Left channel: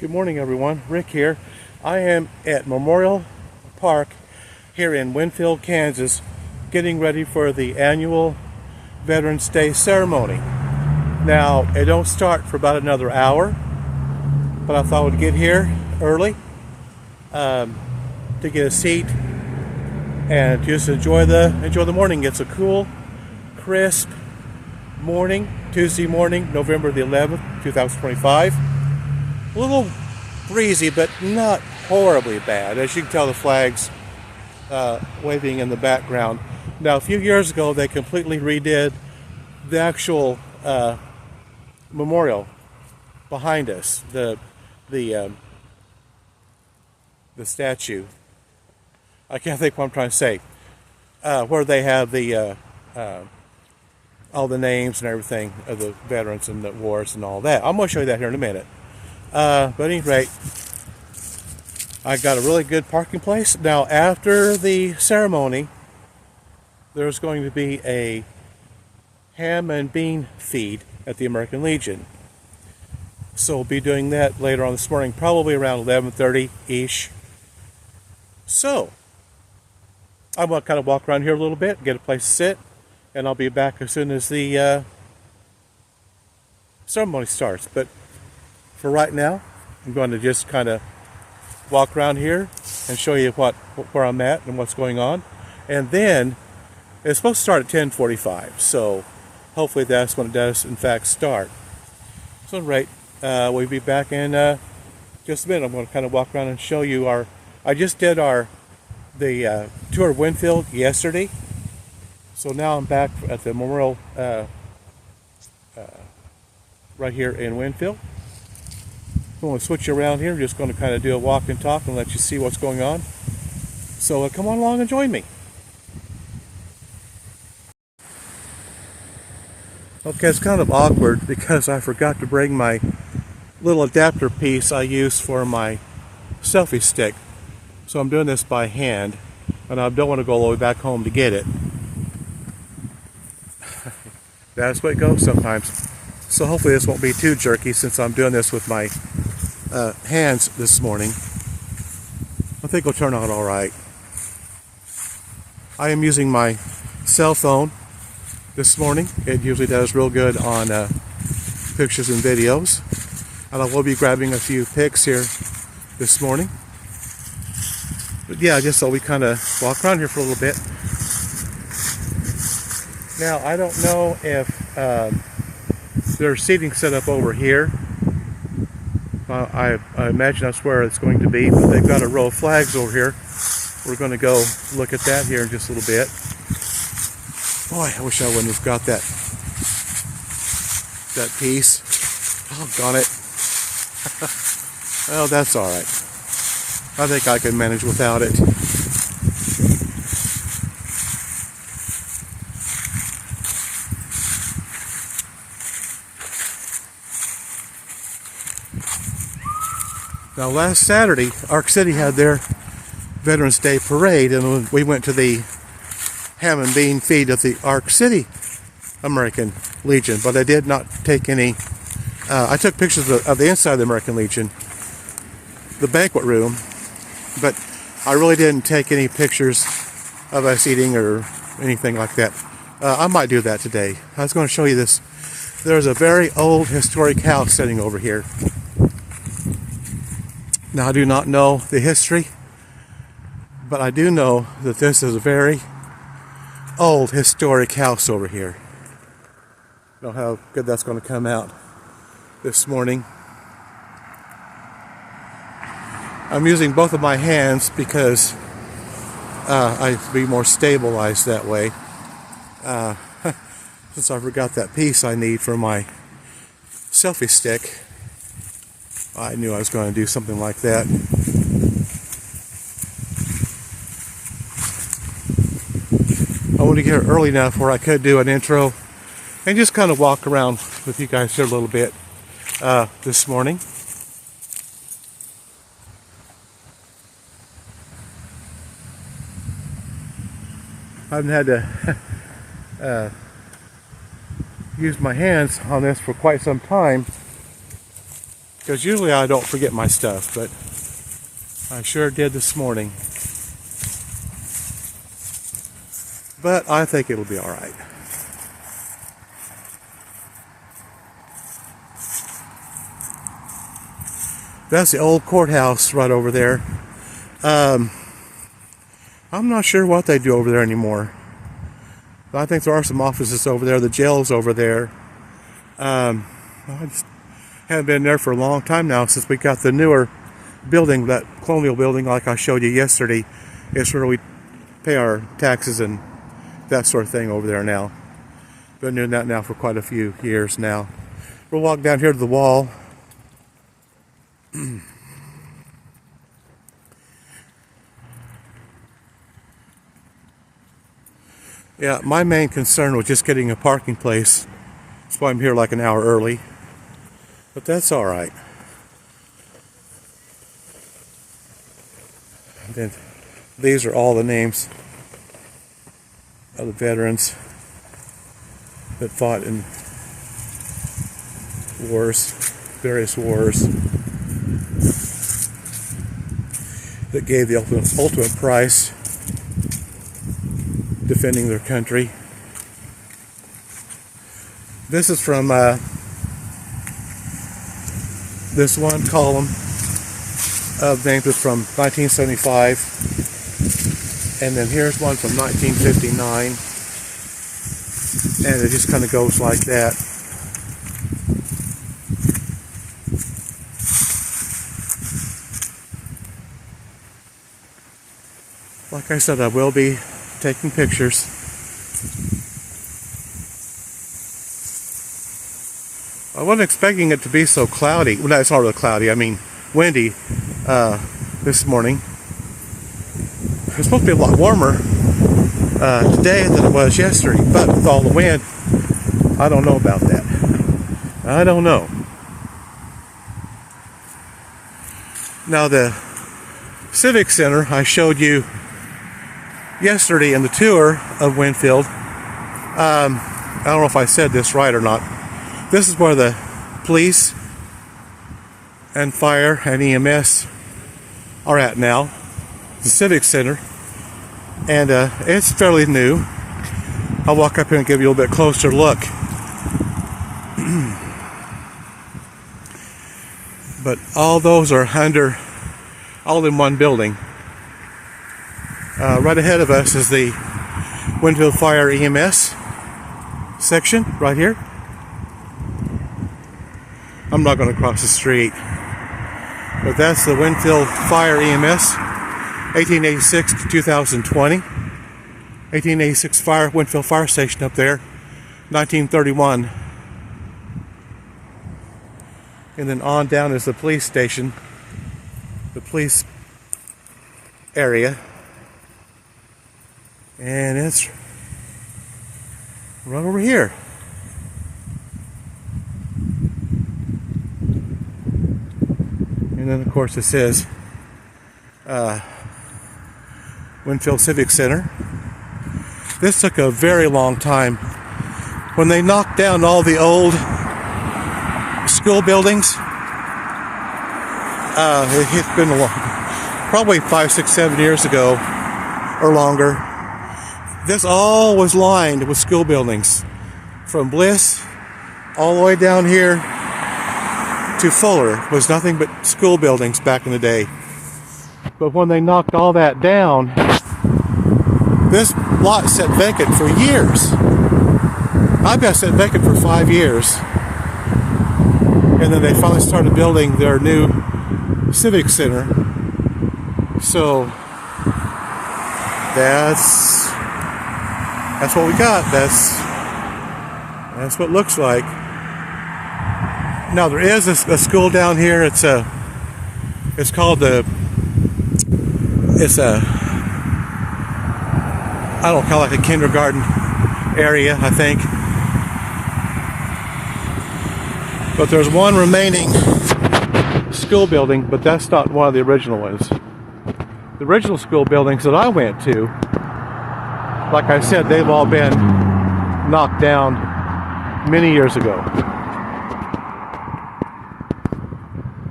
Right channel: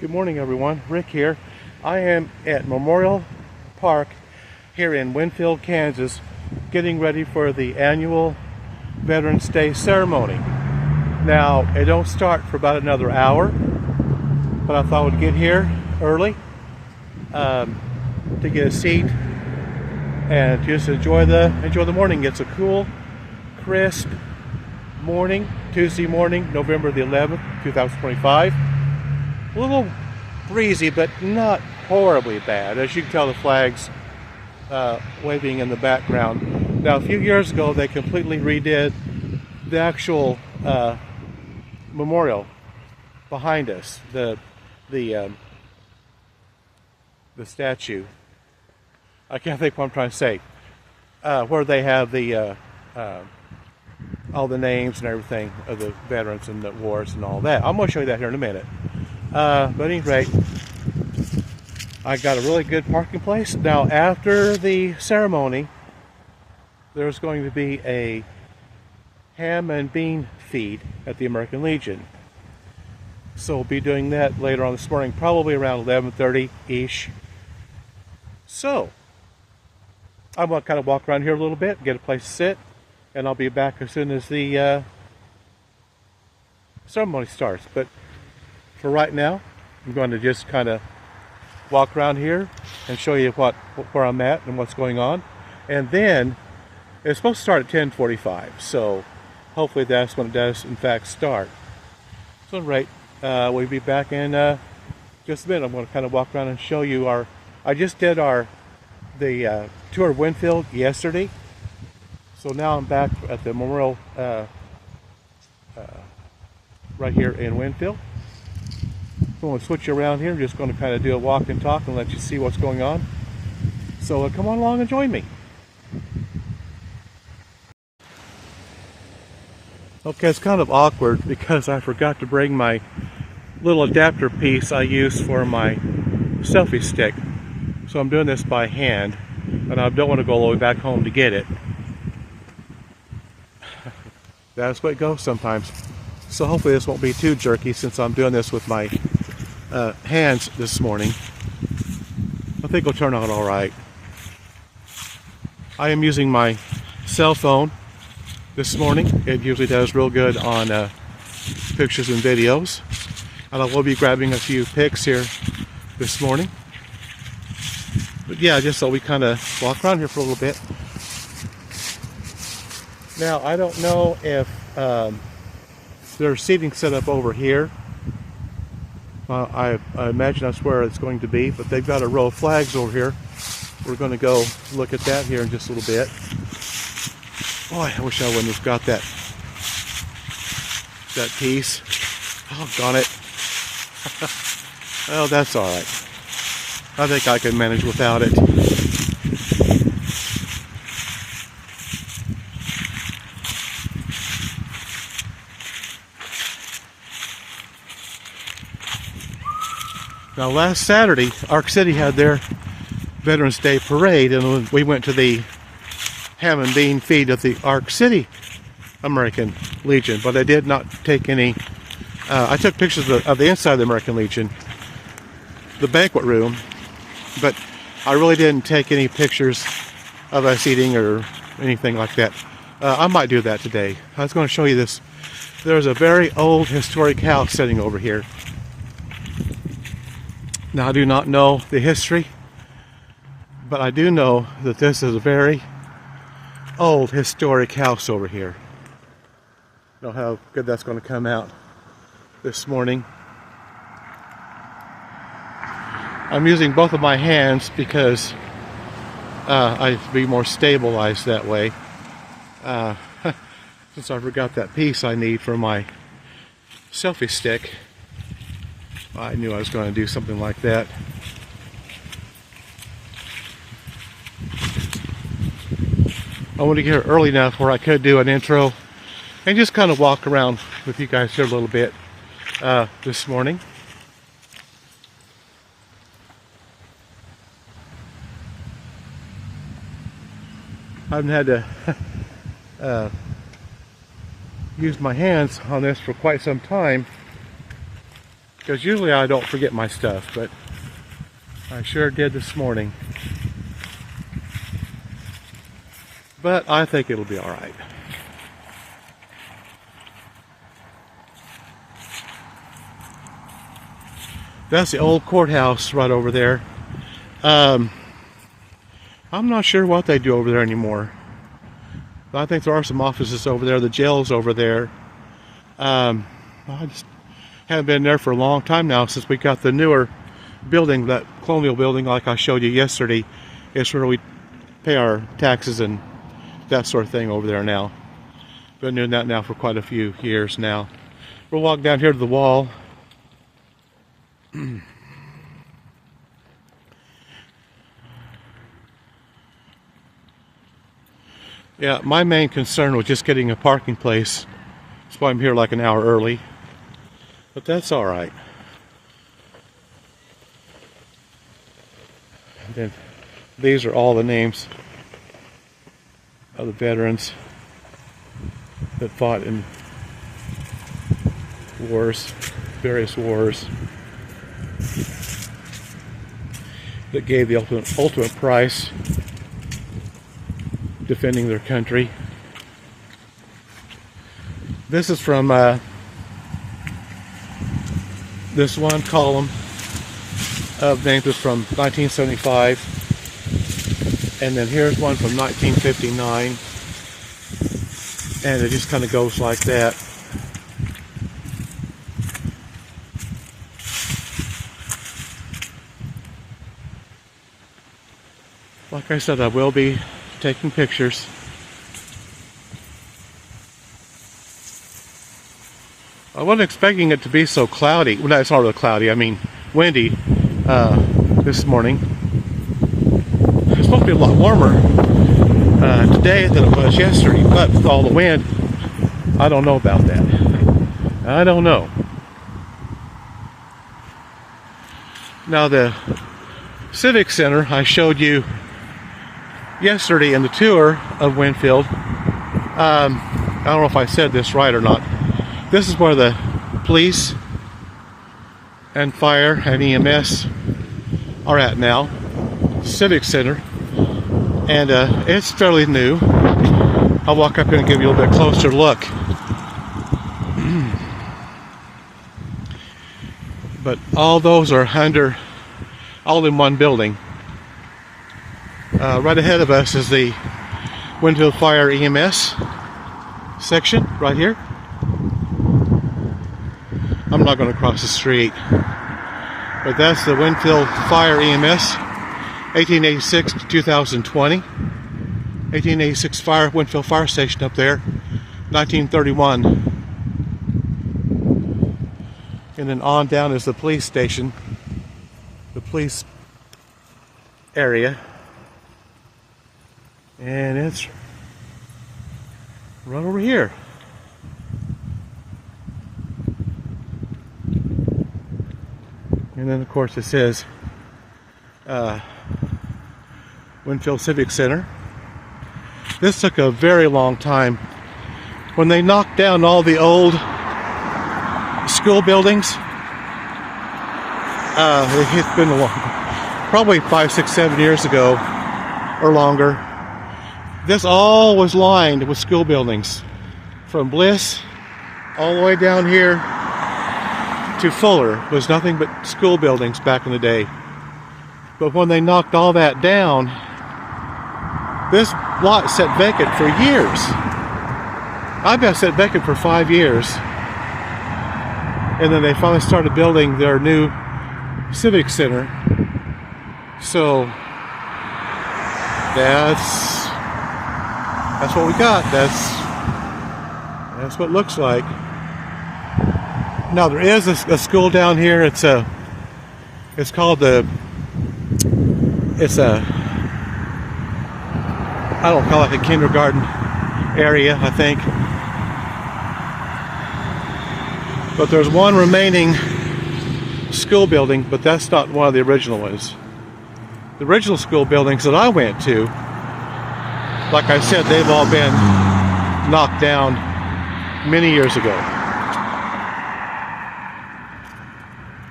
Good morning, everyone. Rick here. I am at Memorial Park here in Winfield, Kansas, getting ready for the annual Veterans Day ceremony. Now, it don't start for about another hour, but I thought I would get here early to get a seat and just enjoy the morning. It's a cool, crisp morning, Tuesday morning, November the 11th, 2025. A little breezy, but not horribly bad. As you can tell, the flags waving in the background. Now, a few years ago, they completely redid the actual memorial behind us, the statue. I can't think what I'm trying to say. Where they have the all the names and everything of the veterans and the wars and all that. I'm going to show you that here in a minute. But at any rate, I got a really good parking place. Now, after the ceremony, there's going to be a ham and bean feed at the American Legion. So we'll be doing that later on this morning, probably around 11:30-ish. So, I'm going to kind of walk around here a little bit, get a place to sit, and I'll be back as soon as the ceremony starts. But for right now, I'm going to just kind of walk around here and show you where I'm at and what's going on. And then it's supposed to start at 10:45, so hopefully that's when it does in fact start. So right, we'll be back in just a minute. I'm going to kind of walk around and show you I just did the tour of Winfield yesterday, so now I'm back at the memorial right here in Winfield. I'm going to switch you around here. I'm just going to kind of do a walk and talk and let you see what's going on. So come on along and join me. Okay, it's kind of awkward because I forgot to bring my little adapter piece I use for my selfie stick. So I'm doing this by hand, and I don't want to go all the way back home to get it. That's what it goes sometimes. So hopefully this won't be too jerky since I'm doing this with my hands this morning. I think it'll turn out all right. I am using my cell phone this morning. It usually does real good on pictures and videos. And I will be grabbing a few pics here this morning. But yeah, just so we kind of walk around here for a little bit. Now, I don't know if there's seating set up over here. I imagine that's where it's going to be, but they've got a row of flags over here. We're going to go look at that here in just a little bit. Boy, I wish I wouldn't have got that piece. Doggone it. Oh, that's all right. I think I can manage without it. Now, last Saturday, Ark City had their Veterans Day parade, and we went to the ham and bean feed at the Ark City American Legion, but I did not take any. I took pictures of the inside of the American Legion, the banquet room, but I really didn't take any pictures of us eating or anything like that. I might do that today. I was going to show you this. There's a very old historic house sitting over here. Now, I do not know the history, but I do know that this is a very old historic house over here. I don't know how good that's going to come out this morning. I'm using both of my hands because I be more stabilized that way. Since I forgot that piece I need for my selfie stick, I knew I was going to do something like that. I want to get here early enough where I could do an intro and just kind of walk around with you guys here a little bit this morning. I haven't had to use my hands on this for quite some time. because usually I don't forget my stuff, but I sure did this morning. But I think it'll be all right. That's the old courthouse right over there. I'm not sure what they do over there anymore. I think there are some offices over there. The jail's over there. I just haven't been there for a long time now since we got the newer building, that colonial building like I showed you yesterday. It's where we pay our taxes and that sort of thing over there now. Been doing that now for quite a few years now. We'll walk down here to the wall. Yeah, my main concern was just getting a parking place. That's why I'm here like an hour early. But that's all right. And then these are all the names of the veterans that fought in wars, various wars, that gave the ultimate price defending their country. This is from this one column of names is from 1975, and then here's one from 1959, and it just kind of goes like that. Like I said, I will be taking pictures. I wasn't expecting it to be so cloudy. Well, no, it's not really cloudy. I mean, windy this morning. It's supposed to be a lot warmer today than it was yesterday, but with all the wind, I don't know about that. I don't know. Now, the Civic Center I showed you yesterday in the tour of Winfield. I don't know if I said this right or not. This is where the police and fire and EMS are at now, the Civic Center, and it's fairly new. I'll walk up here and give you a little bit closer look. But all those are all in one building. Right ahead of us is the Winfield Fire EMS section right here. I'm not going to cross the street, but that's the Winfield Fire EMS, 1886 to 2020. 1886 Winfield Fire Station up there, 1931. And then on down is the police station, the police area. And it's right over here. And then, of course, it says Winfield Civic Center. This took a very long time. When they knocked down all the old school buildings, it's been probably 5, 6, 7 years ago or longer. This all was lined with school buildings, from Bliss all the way down here to Fuller was nothing but school buildings back in the day. But when they knocked all that down, this lot sat vacant for years. I bet it sat vacant for 5 years. And then they finally started building their new Civic Center. So that's what we got. That's what it looks like. Now there is a school down here. It's called I don't call it like a kindergarten area, I think. But there's one remaining school building, but that's not one of the original ones. The original school buildings that I went to, like I said, they've all been knocked down many years ago.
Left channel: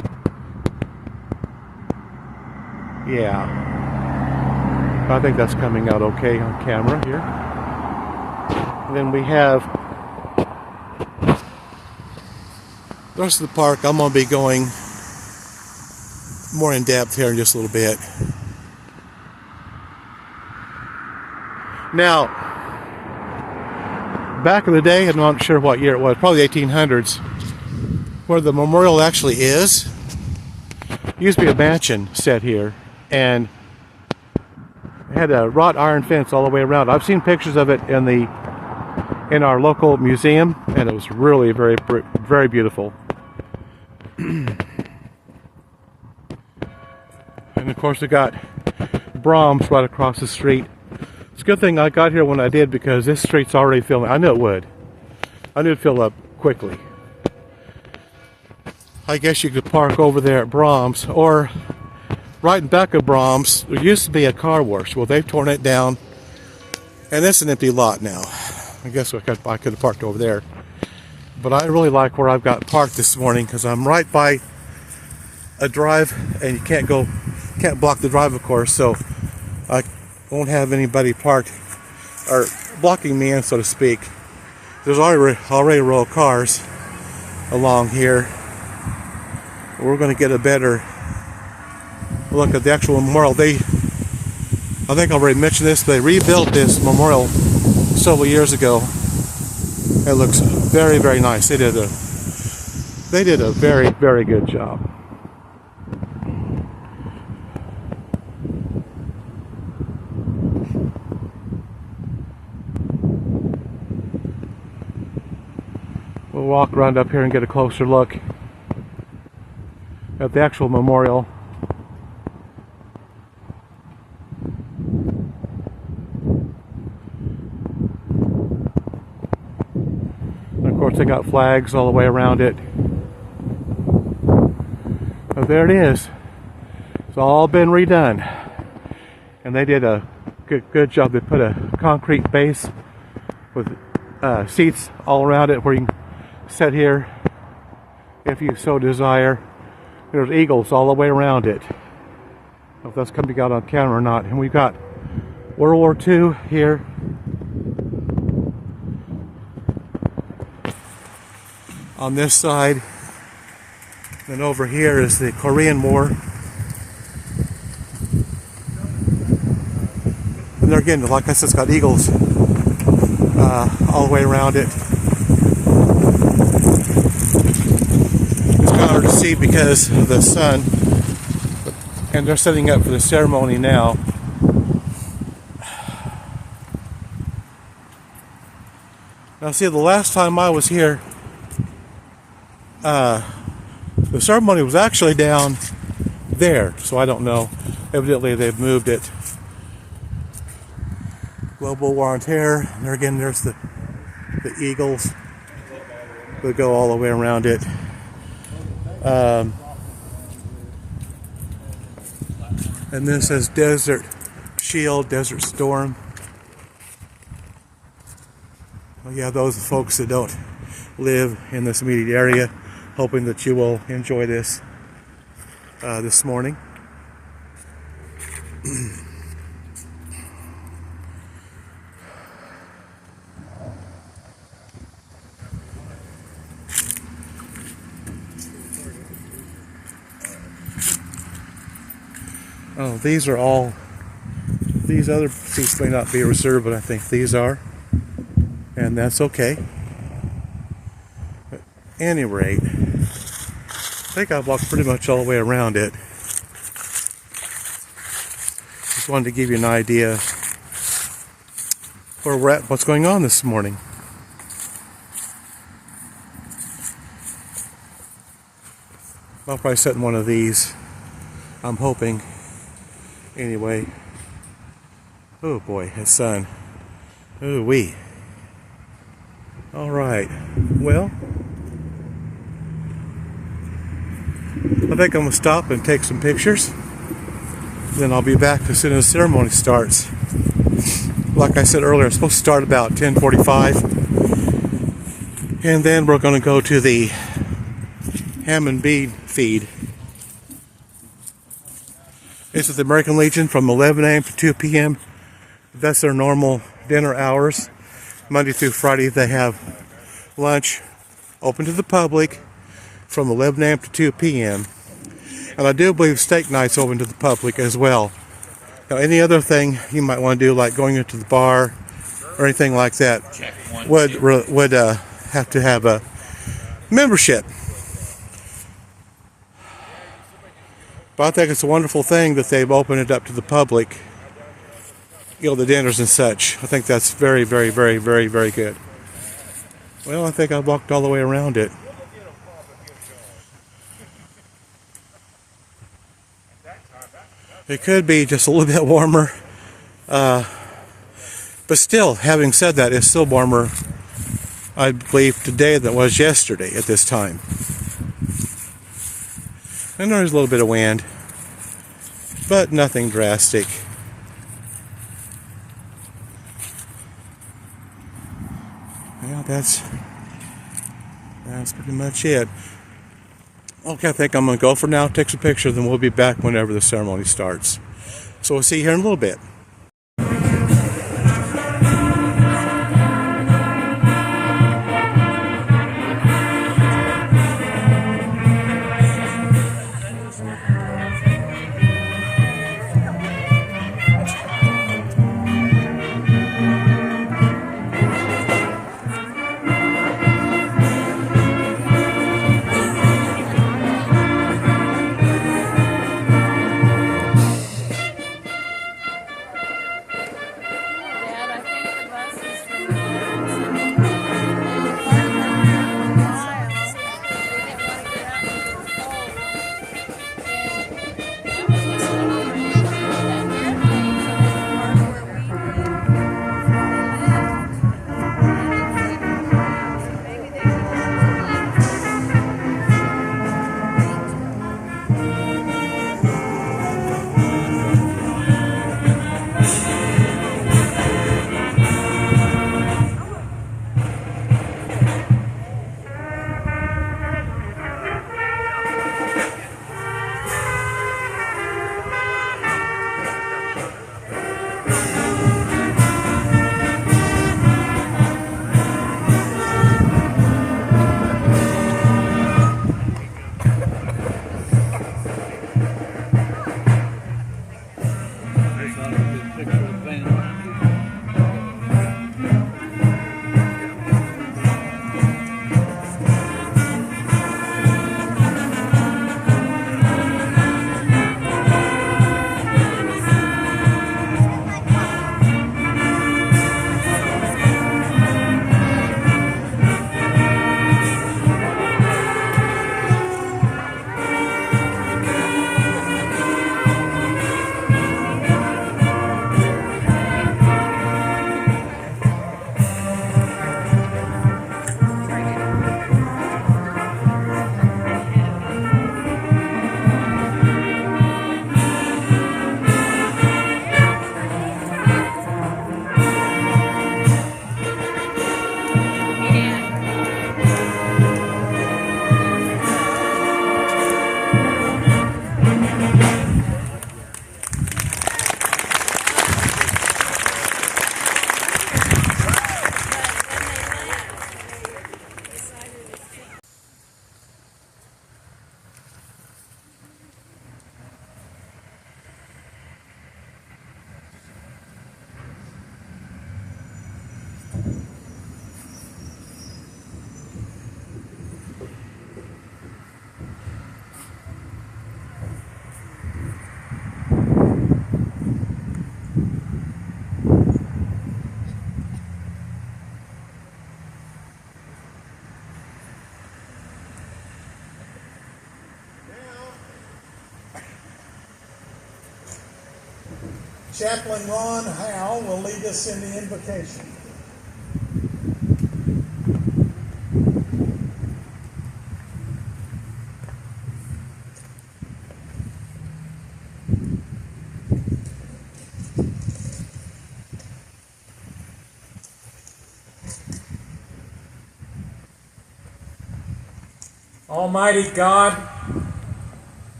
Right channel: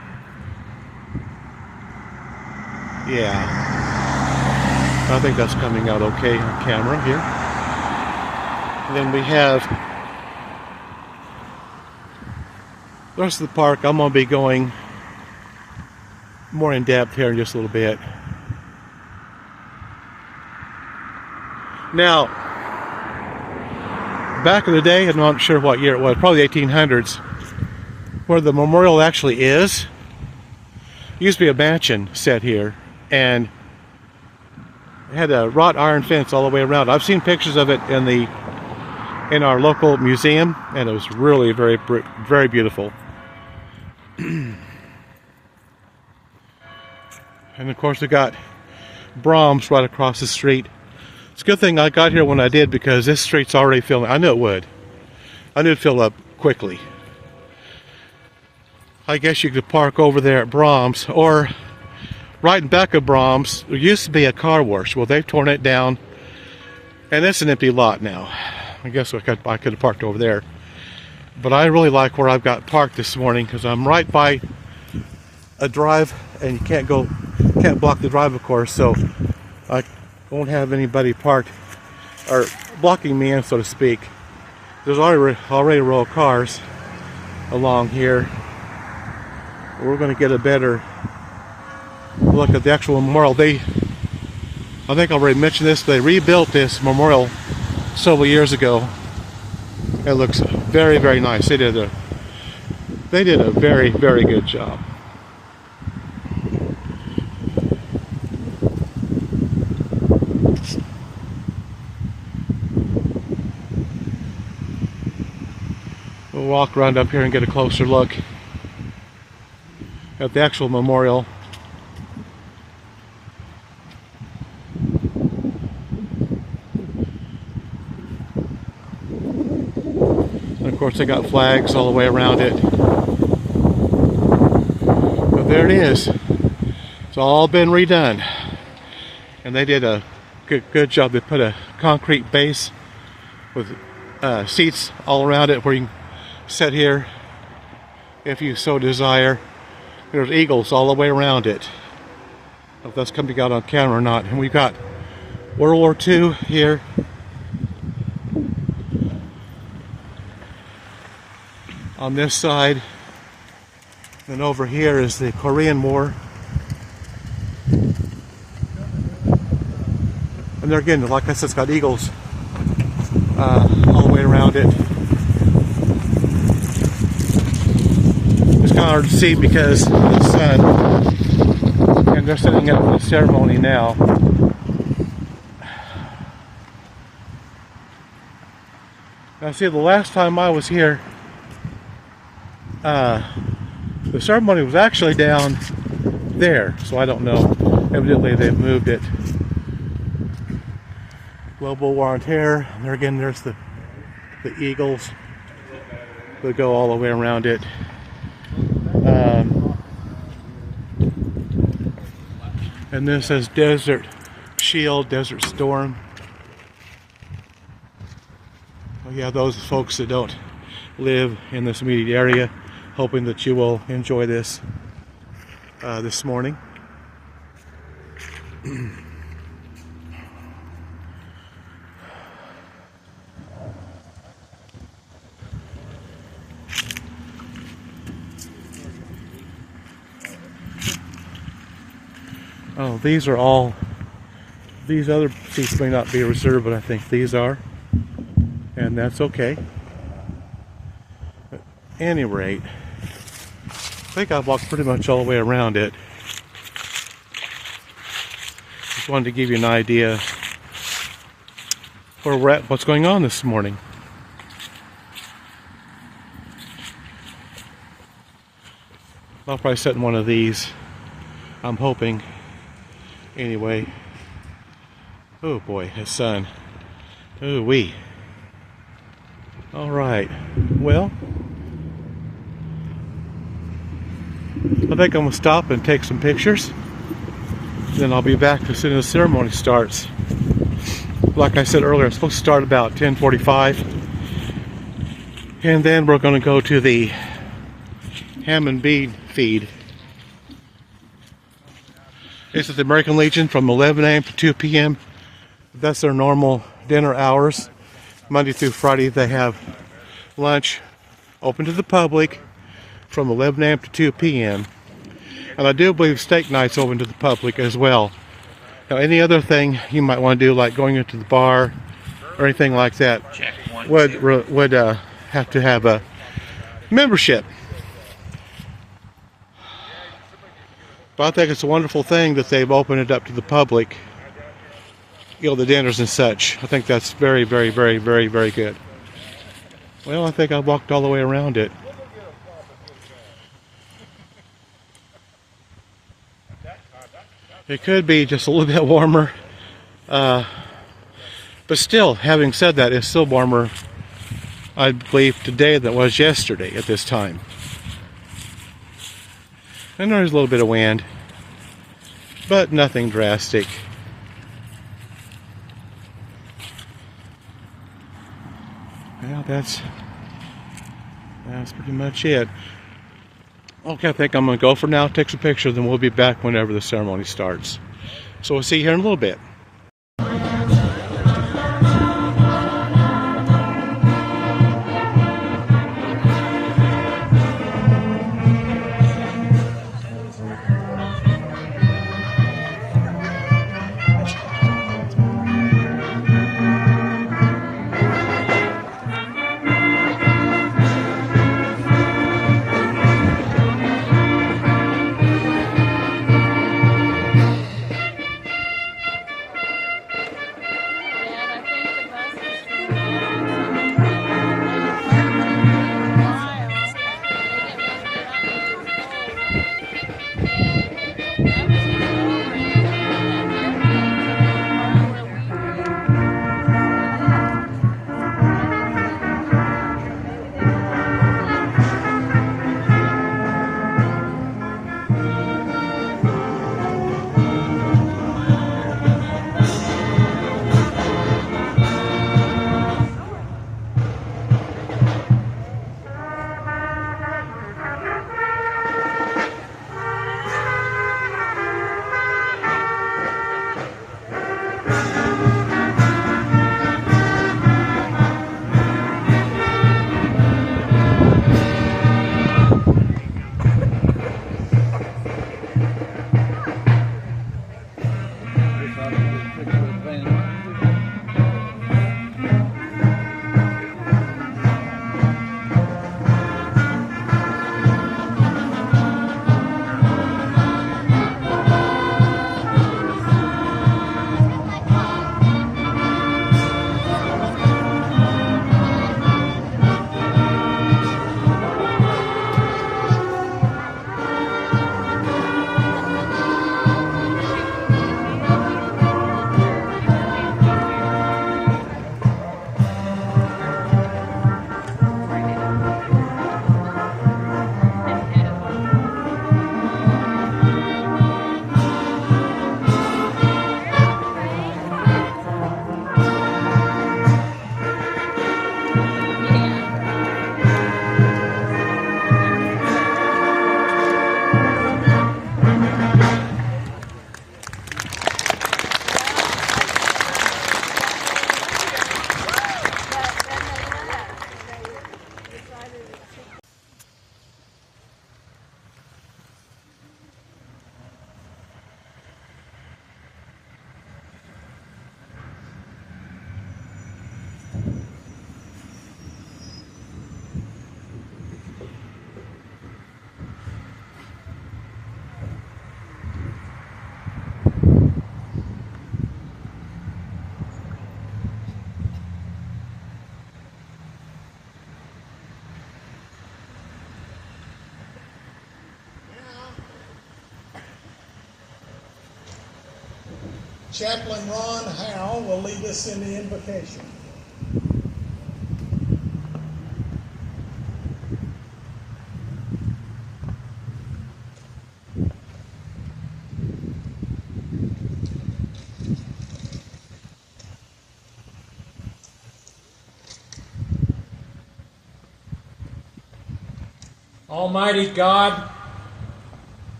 Yeah. I think that's coming out okay on camera here. And then we have the rest of the park. I'm going to be going more in depth here in just a little bit. Now, back in the day, I'm not sure what year it was, probably the 1800s, where the memorial actually is, used to be a mansion set here, and it had a wrought iron fence all the way around. I've seen pictures of it in our local museum, and it was really very beautiful. And of course, we got Brahms right across the street. It's a good thing I got here when I did, because this street's already filling. I knew it would. I knew it'd fill up quickly. I guess you could park over there at Brahms, or right in back of Brahms. There used to be a car wash. Well, they've torn it down, and it's an empty lot now. I guess I could have parked over there. But I really like where I've got parked this morning, because I'm right by a drive, and you can't block the drive, of course, so I won't have anybody parked or blocking me in, so to speak. There's already a row of cars along here. We're going to get a better look at the actual memorial. I think I already mentioned this, but they rebuilt this memorial several years ago. It looks very, very nice. They did a very, very good job. We'll walk around up here and get a closer look at the actual memorial. And of course, they got flags all the way around it. But there it is. It's all been redone, and they did a good job. They put a concrete base with seats all around it where you can sit here if you so desire. There's eagles all the way around it. I don't know if that's coming out on camera or not. And we've got World War II here. On this side. And over here is the Korean War. And there again, like I said, it's got eagles all the way around it. It's kind of hard to see because of the sun. And they're setting up for the ceremony now. Now see, the last time I was here, the ceremony was actually down there, so I don't know. Evidently they've moved it. Global War on Terror. And there again, there's the eagles that go all the way around it. And this says Desert Shield, Desert Storm. Well, yeah, those folks that don't live in this immediate area, hoping that you will enjoy this this morning. Oh, these are all, these other seats may not be reserved, but I think these are, and that's okay. At any rate, I think I've walked pretty much all the way around it. Just wanted to give you an idea where we're at, what's going on this morning. I'll probably sit in one of these, I'm hoping. Anyway, oh boy, the sun. Ooh wee. All right, well, I think I'm gonna stop and take some pictures. Then I'll be back as soon as the ceremony starts. Like I said earlier, it's supposed to start about 10:45, and then we're gonna go to the ham and bean feed. It's at the American Legion from 11 a.m. to 2 p.m. That's their normal dinner hours. Monday through Friday they have lunch open to the public from 11 a.m. to 2 p.m. And I do believe steak night's open to the public as well. Now, any other thing you might want to do, like going into the bar or anything like that, would have to have a membership. But I think it's a wonderful thing that they've opened it up to the public, you know, the dinners and such. I think that's very, very, very, very, very good. Well, I think I walked all the way around it. It could be just a little bit warmer. But still, having said that, it's still warmer, I believe, today than it was yesterday at this time. And there's a little bit of wind, but nothing drastic. Well, that's pretty much it. Okay, I think I'm going to go for now, take some pictures, and we'll be back whenever the ceremony starts. So we'll see you here in a little bit. Chaplain Ron Howe will lead us in the invocation. Almighty God,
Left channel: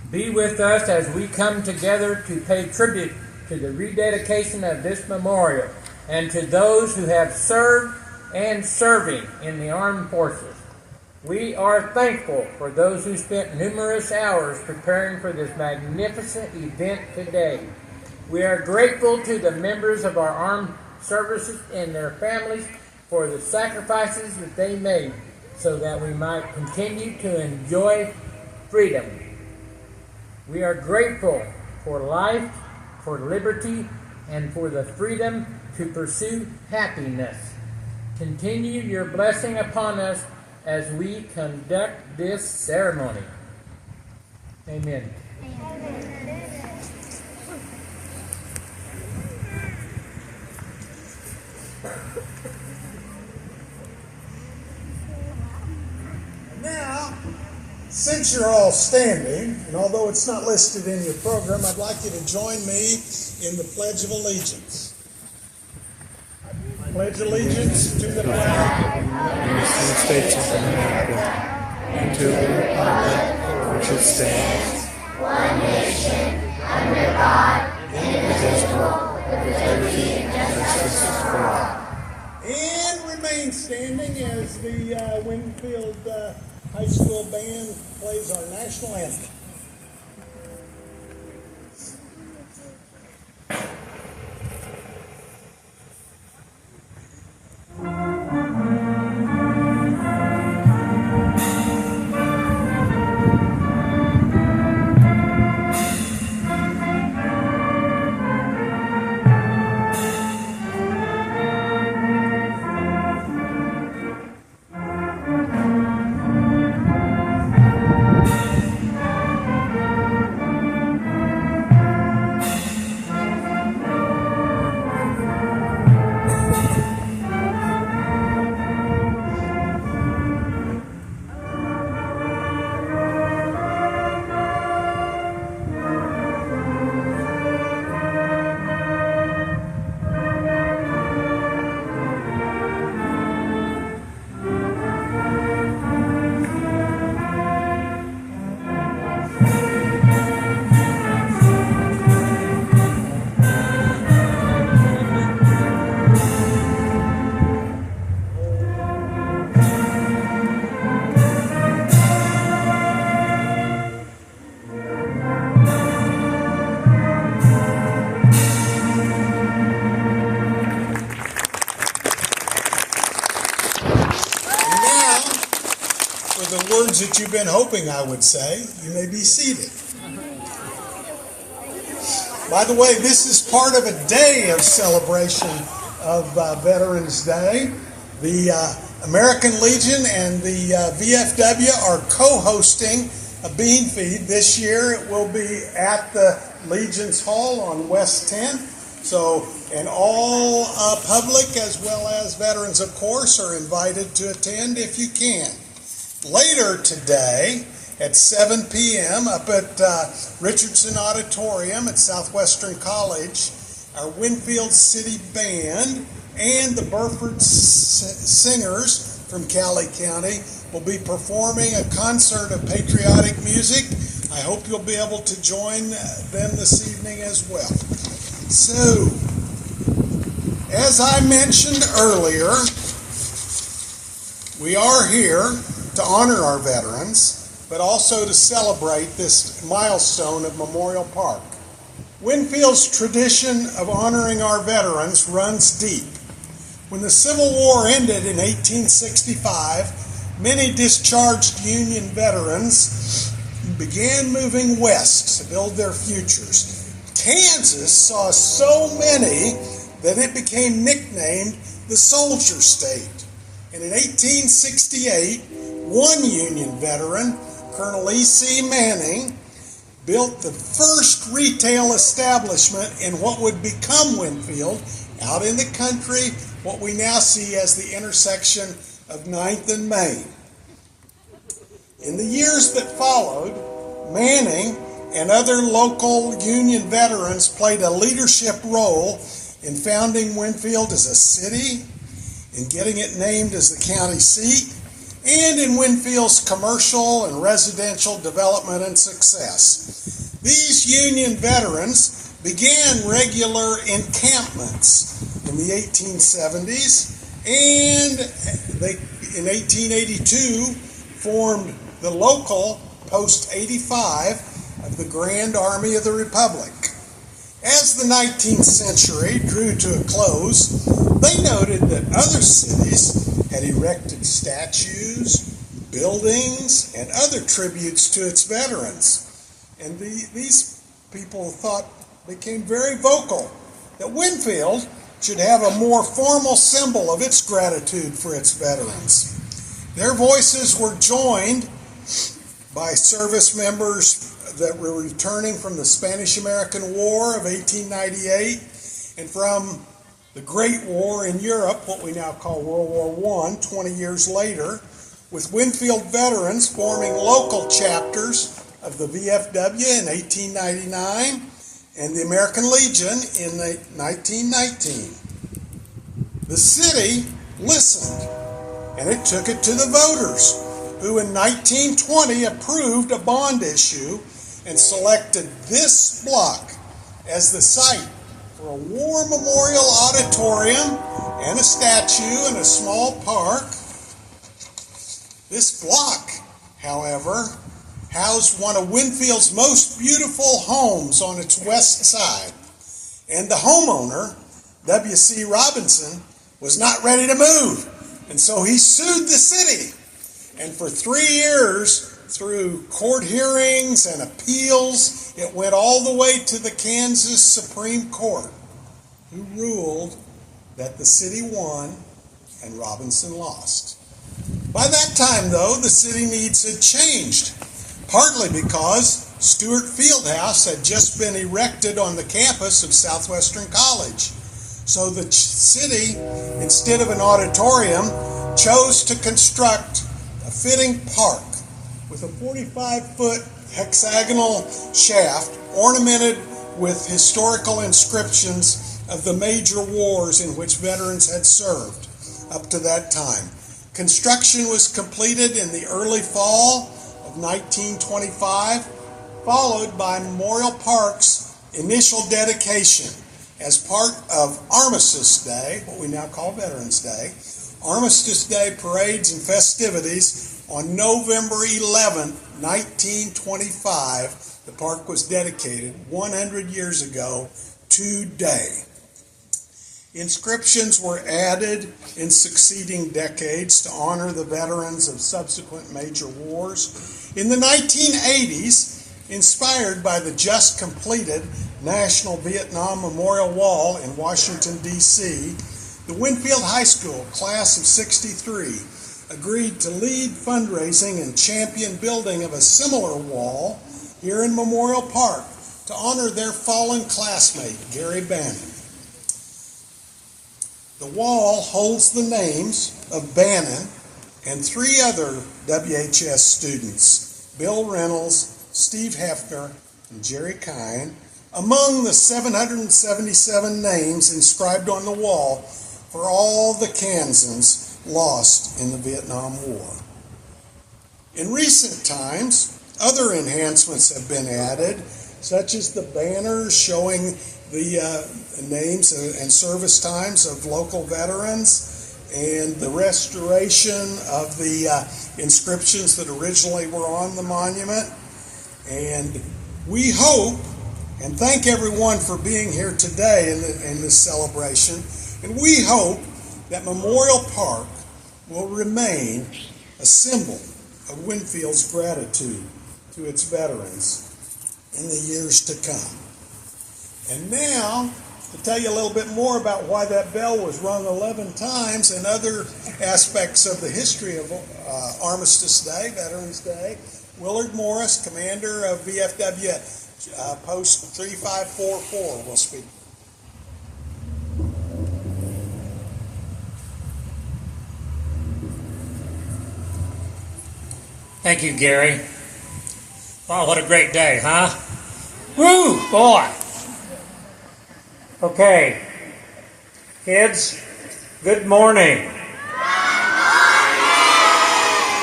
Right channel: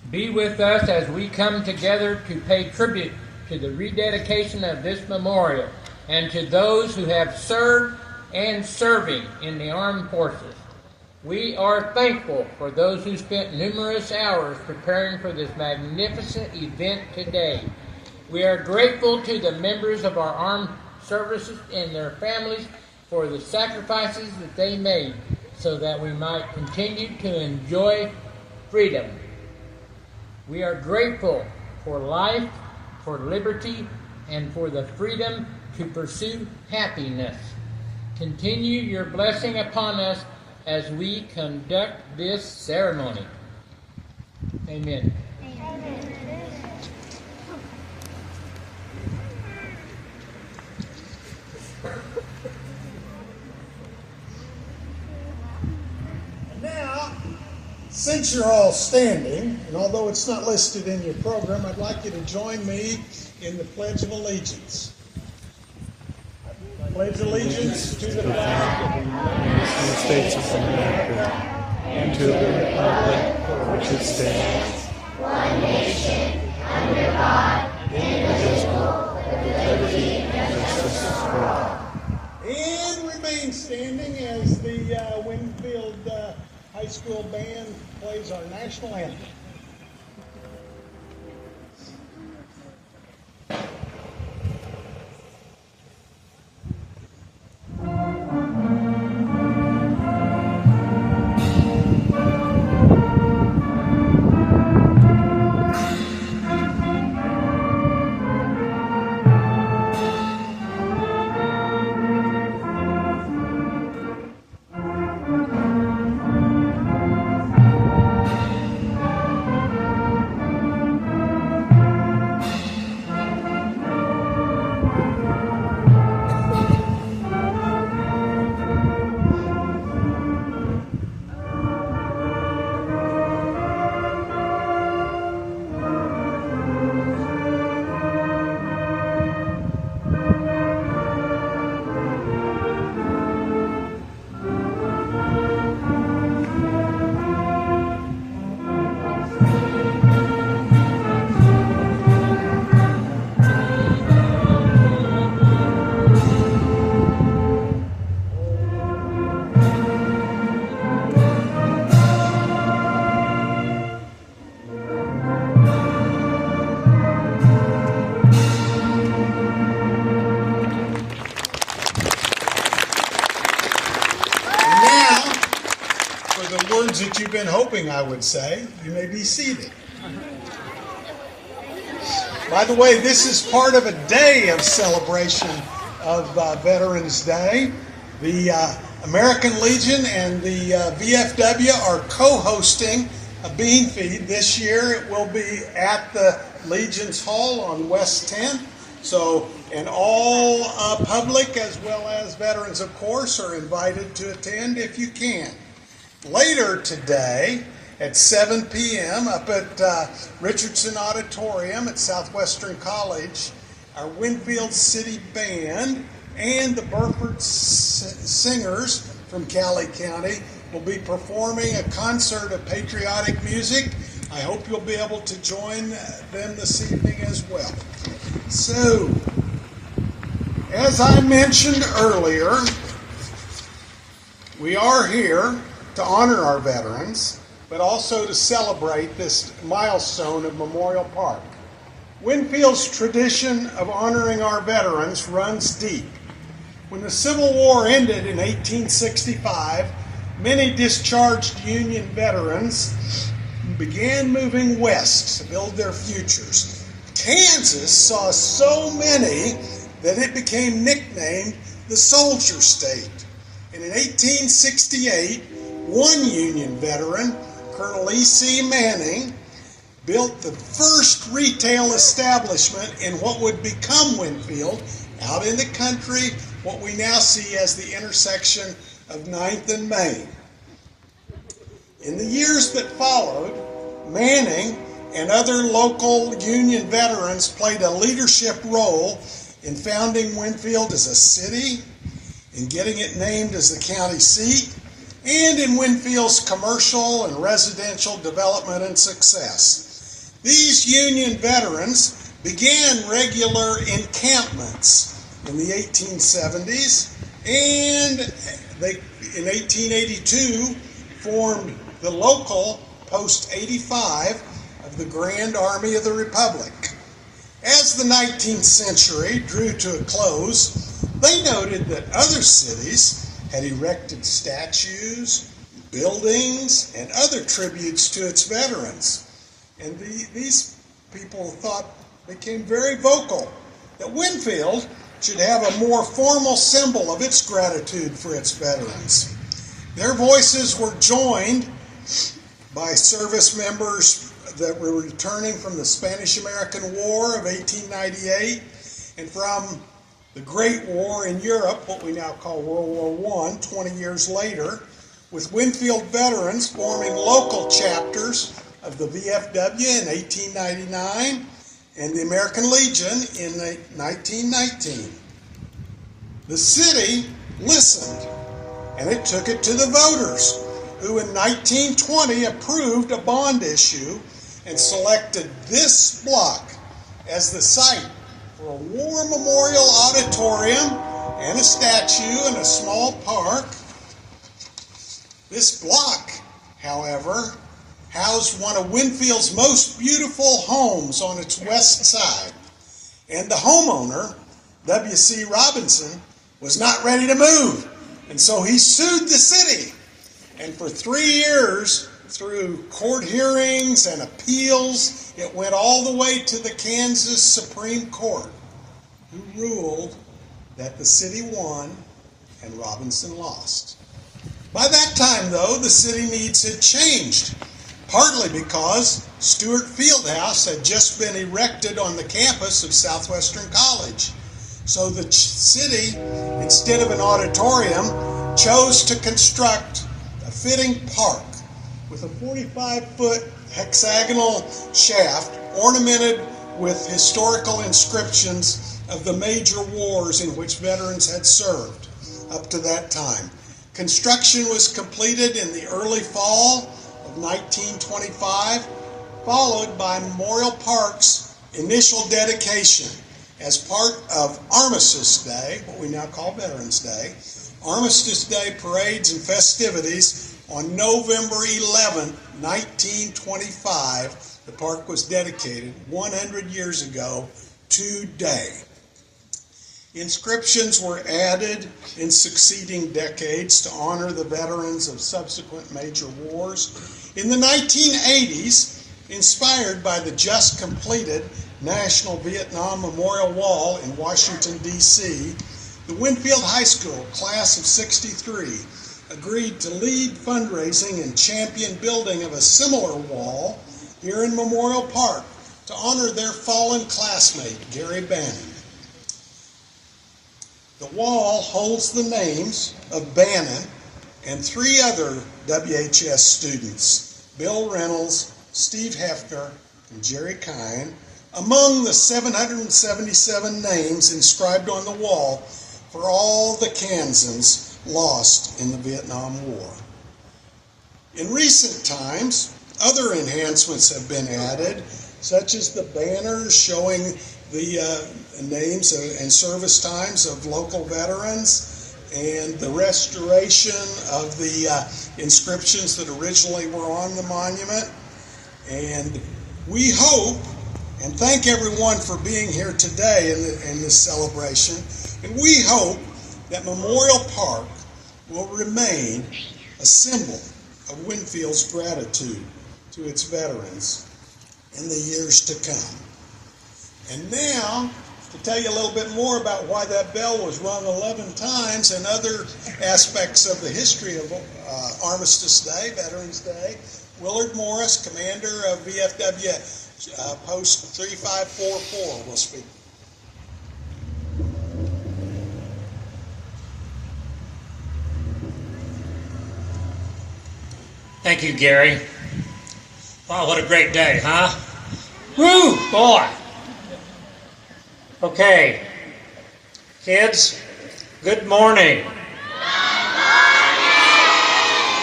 Be with us as we come together to pay tribute to the rededication of this memorial and to those who have served and serving in the armed forces. We are thankful for those who spent numerous hours preparing for this magnificent event today. We are grateful to the members of our armed services and their families for the sacrifices that they made so that we might continue to enjoy freedom. We are grateful for life, for liberty, and for the freedom to pursue happiness. Continue your blessing upon us as we conduct this ceremony. Amen. Now, since you're all standing, and although it's not listed in your program, I'd like you to join me in the Pledge of Allegiance. I pledge allegiance to the flag United States of America, and to the republic which it stands, one nation, under God, indivisible, with liberty and justice for all. and remain standing as the Winfield High School band plays our national anthem. That you've been hoping I would say. You may be seated. By the way, this is part of a day of celebration of Veterans Day. The American Legion and the VFW are co-hosting a bean feed this year. It will be at the Legion's Hall on West 10th. So, and all public as well as veterans, of course, are invited to attend if you can. Later today at 7 p.m. up at Richardson Auditorium at Southwestern College, our Winfield City Band and the Burford Singers from Cowley County will be performing a concert of patriotic music. I hope you'll be able to join them this evening as well. So, as I mentioned earlier, we are here to honor our veterans, but also to celebrate this milestone of Memorial Park. Winfield's tradition of honoring our veterans runs deep. When the Civil War ended in 1865, many discharged Union veterans began moving west to build their futures. Kansas saw so many that it became nicknamed the Soldier State. And in 1868, one Union veteran, Colonel E.C. Manning, built the first retail establishment in what would become Winfield, out in the country, what we now see as the intersection of 9th and Main. In the years that followed, Manning and other local Union veterans played a leadership role in founding Winfield as a city, in getting it named as the county seat, and in Winfield's commercial and residential development and success. These Union veterans began regular encampments in the 1870s, and they, in 1882, formed the local Post 85 of the Grand Army of the Republic. As the 19th century drew to a close, they noted that other cities had erected statues, buildings, and other tributes to its veterans. And these people became very vocal that Winfield should have a more formal symbol of its gratitude for its veterans. Their voices were joined by service members that were returning from the Spanish-American War of 1898 and from the Great War in Europe, what we now call World War I, 20 years later, with Winfield veterans forming local chapters of the VFW in 1899 and the American Legion in 1919. The city listened, and it took it to the voters, who in 1920 approved a bond issue and selected this block as the site for a war memorial auditorium and a statue and a small park. This block, however, housed one of Winfield's most beautiful homes on its west side, and the homeowner, W.C. Robinson, was not ready to move, and so he sued the city. And for 3 years, through court hearings and appeals, it went all the way to the Kansas Supreme Court, who ruled that the city won and Robinson lost. By that time, though, the city needs had changed, partly because Stewart Fieldhouse had just been erected on the campus of Southwestern College. So the city, instead of an auditorium, chose to construct a fitting park with a 45-foot hexagonal shaft ornamented with historical inscriptions of the major wars in which veterans had served up to that time. Construction was completed in the early fall of 1925, followed by Memorial Park's initial dedication as part of Armistice Day, what we now call Veterans Day. Armistice Day parades and festivities on November 11, 1925. The park was dedicated 100 years ago today. Inscriptions were added in succeeding decades to honor the veterans of subsequent major wars. In the 1980s, inspired by the just completed National Vietnam Memorial Wall in Washington, D.C., the Winfield High School class of 63 agreed to lead fundraising and champion building of a similar wall here in Memorial Park to honor their fallen classmate, Gary Bannon. The wall holds the names of Bannon and 3 other WHS students, Bill Reynolds, Steve Hefner, and Jerry Kine, among the 777 names inscribed on the wall for all the Kansans lost in the Vietnam War. In recent times, other enhancements have been added, such as the banners showing the names and service times of local veterans, and the restoration of the inscriptions that originally were on the monument. And we hope, and thank everyone for being here today in this celebration, and we hope that Memorial Park will remain a symbol of Winfield's gratitude to its veterans in the years to come. And now, to tell you a little bit more about why that bell was rung 11 times and other aspects of the history of Armistice Day, Veterans Day, Willard Morris, commander of VFW Post 3544, will speak. Thank you, Gary. Wow, what a great day, huh? Woo, boy. Okay, kids, good morning.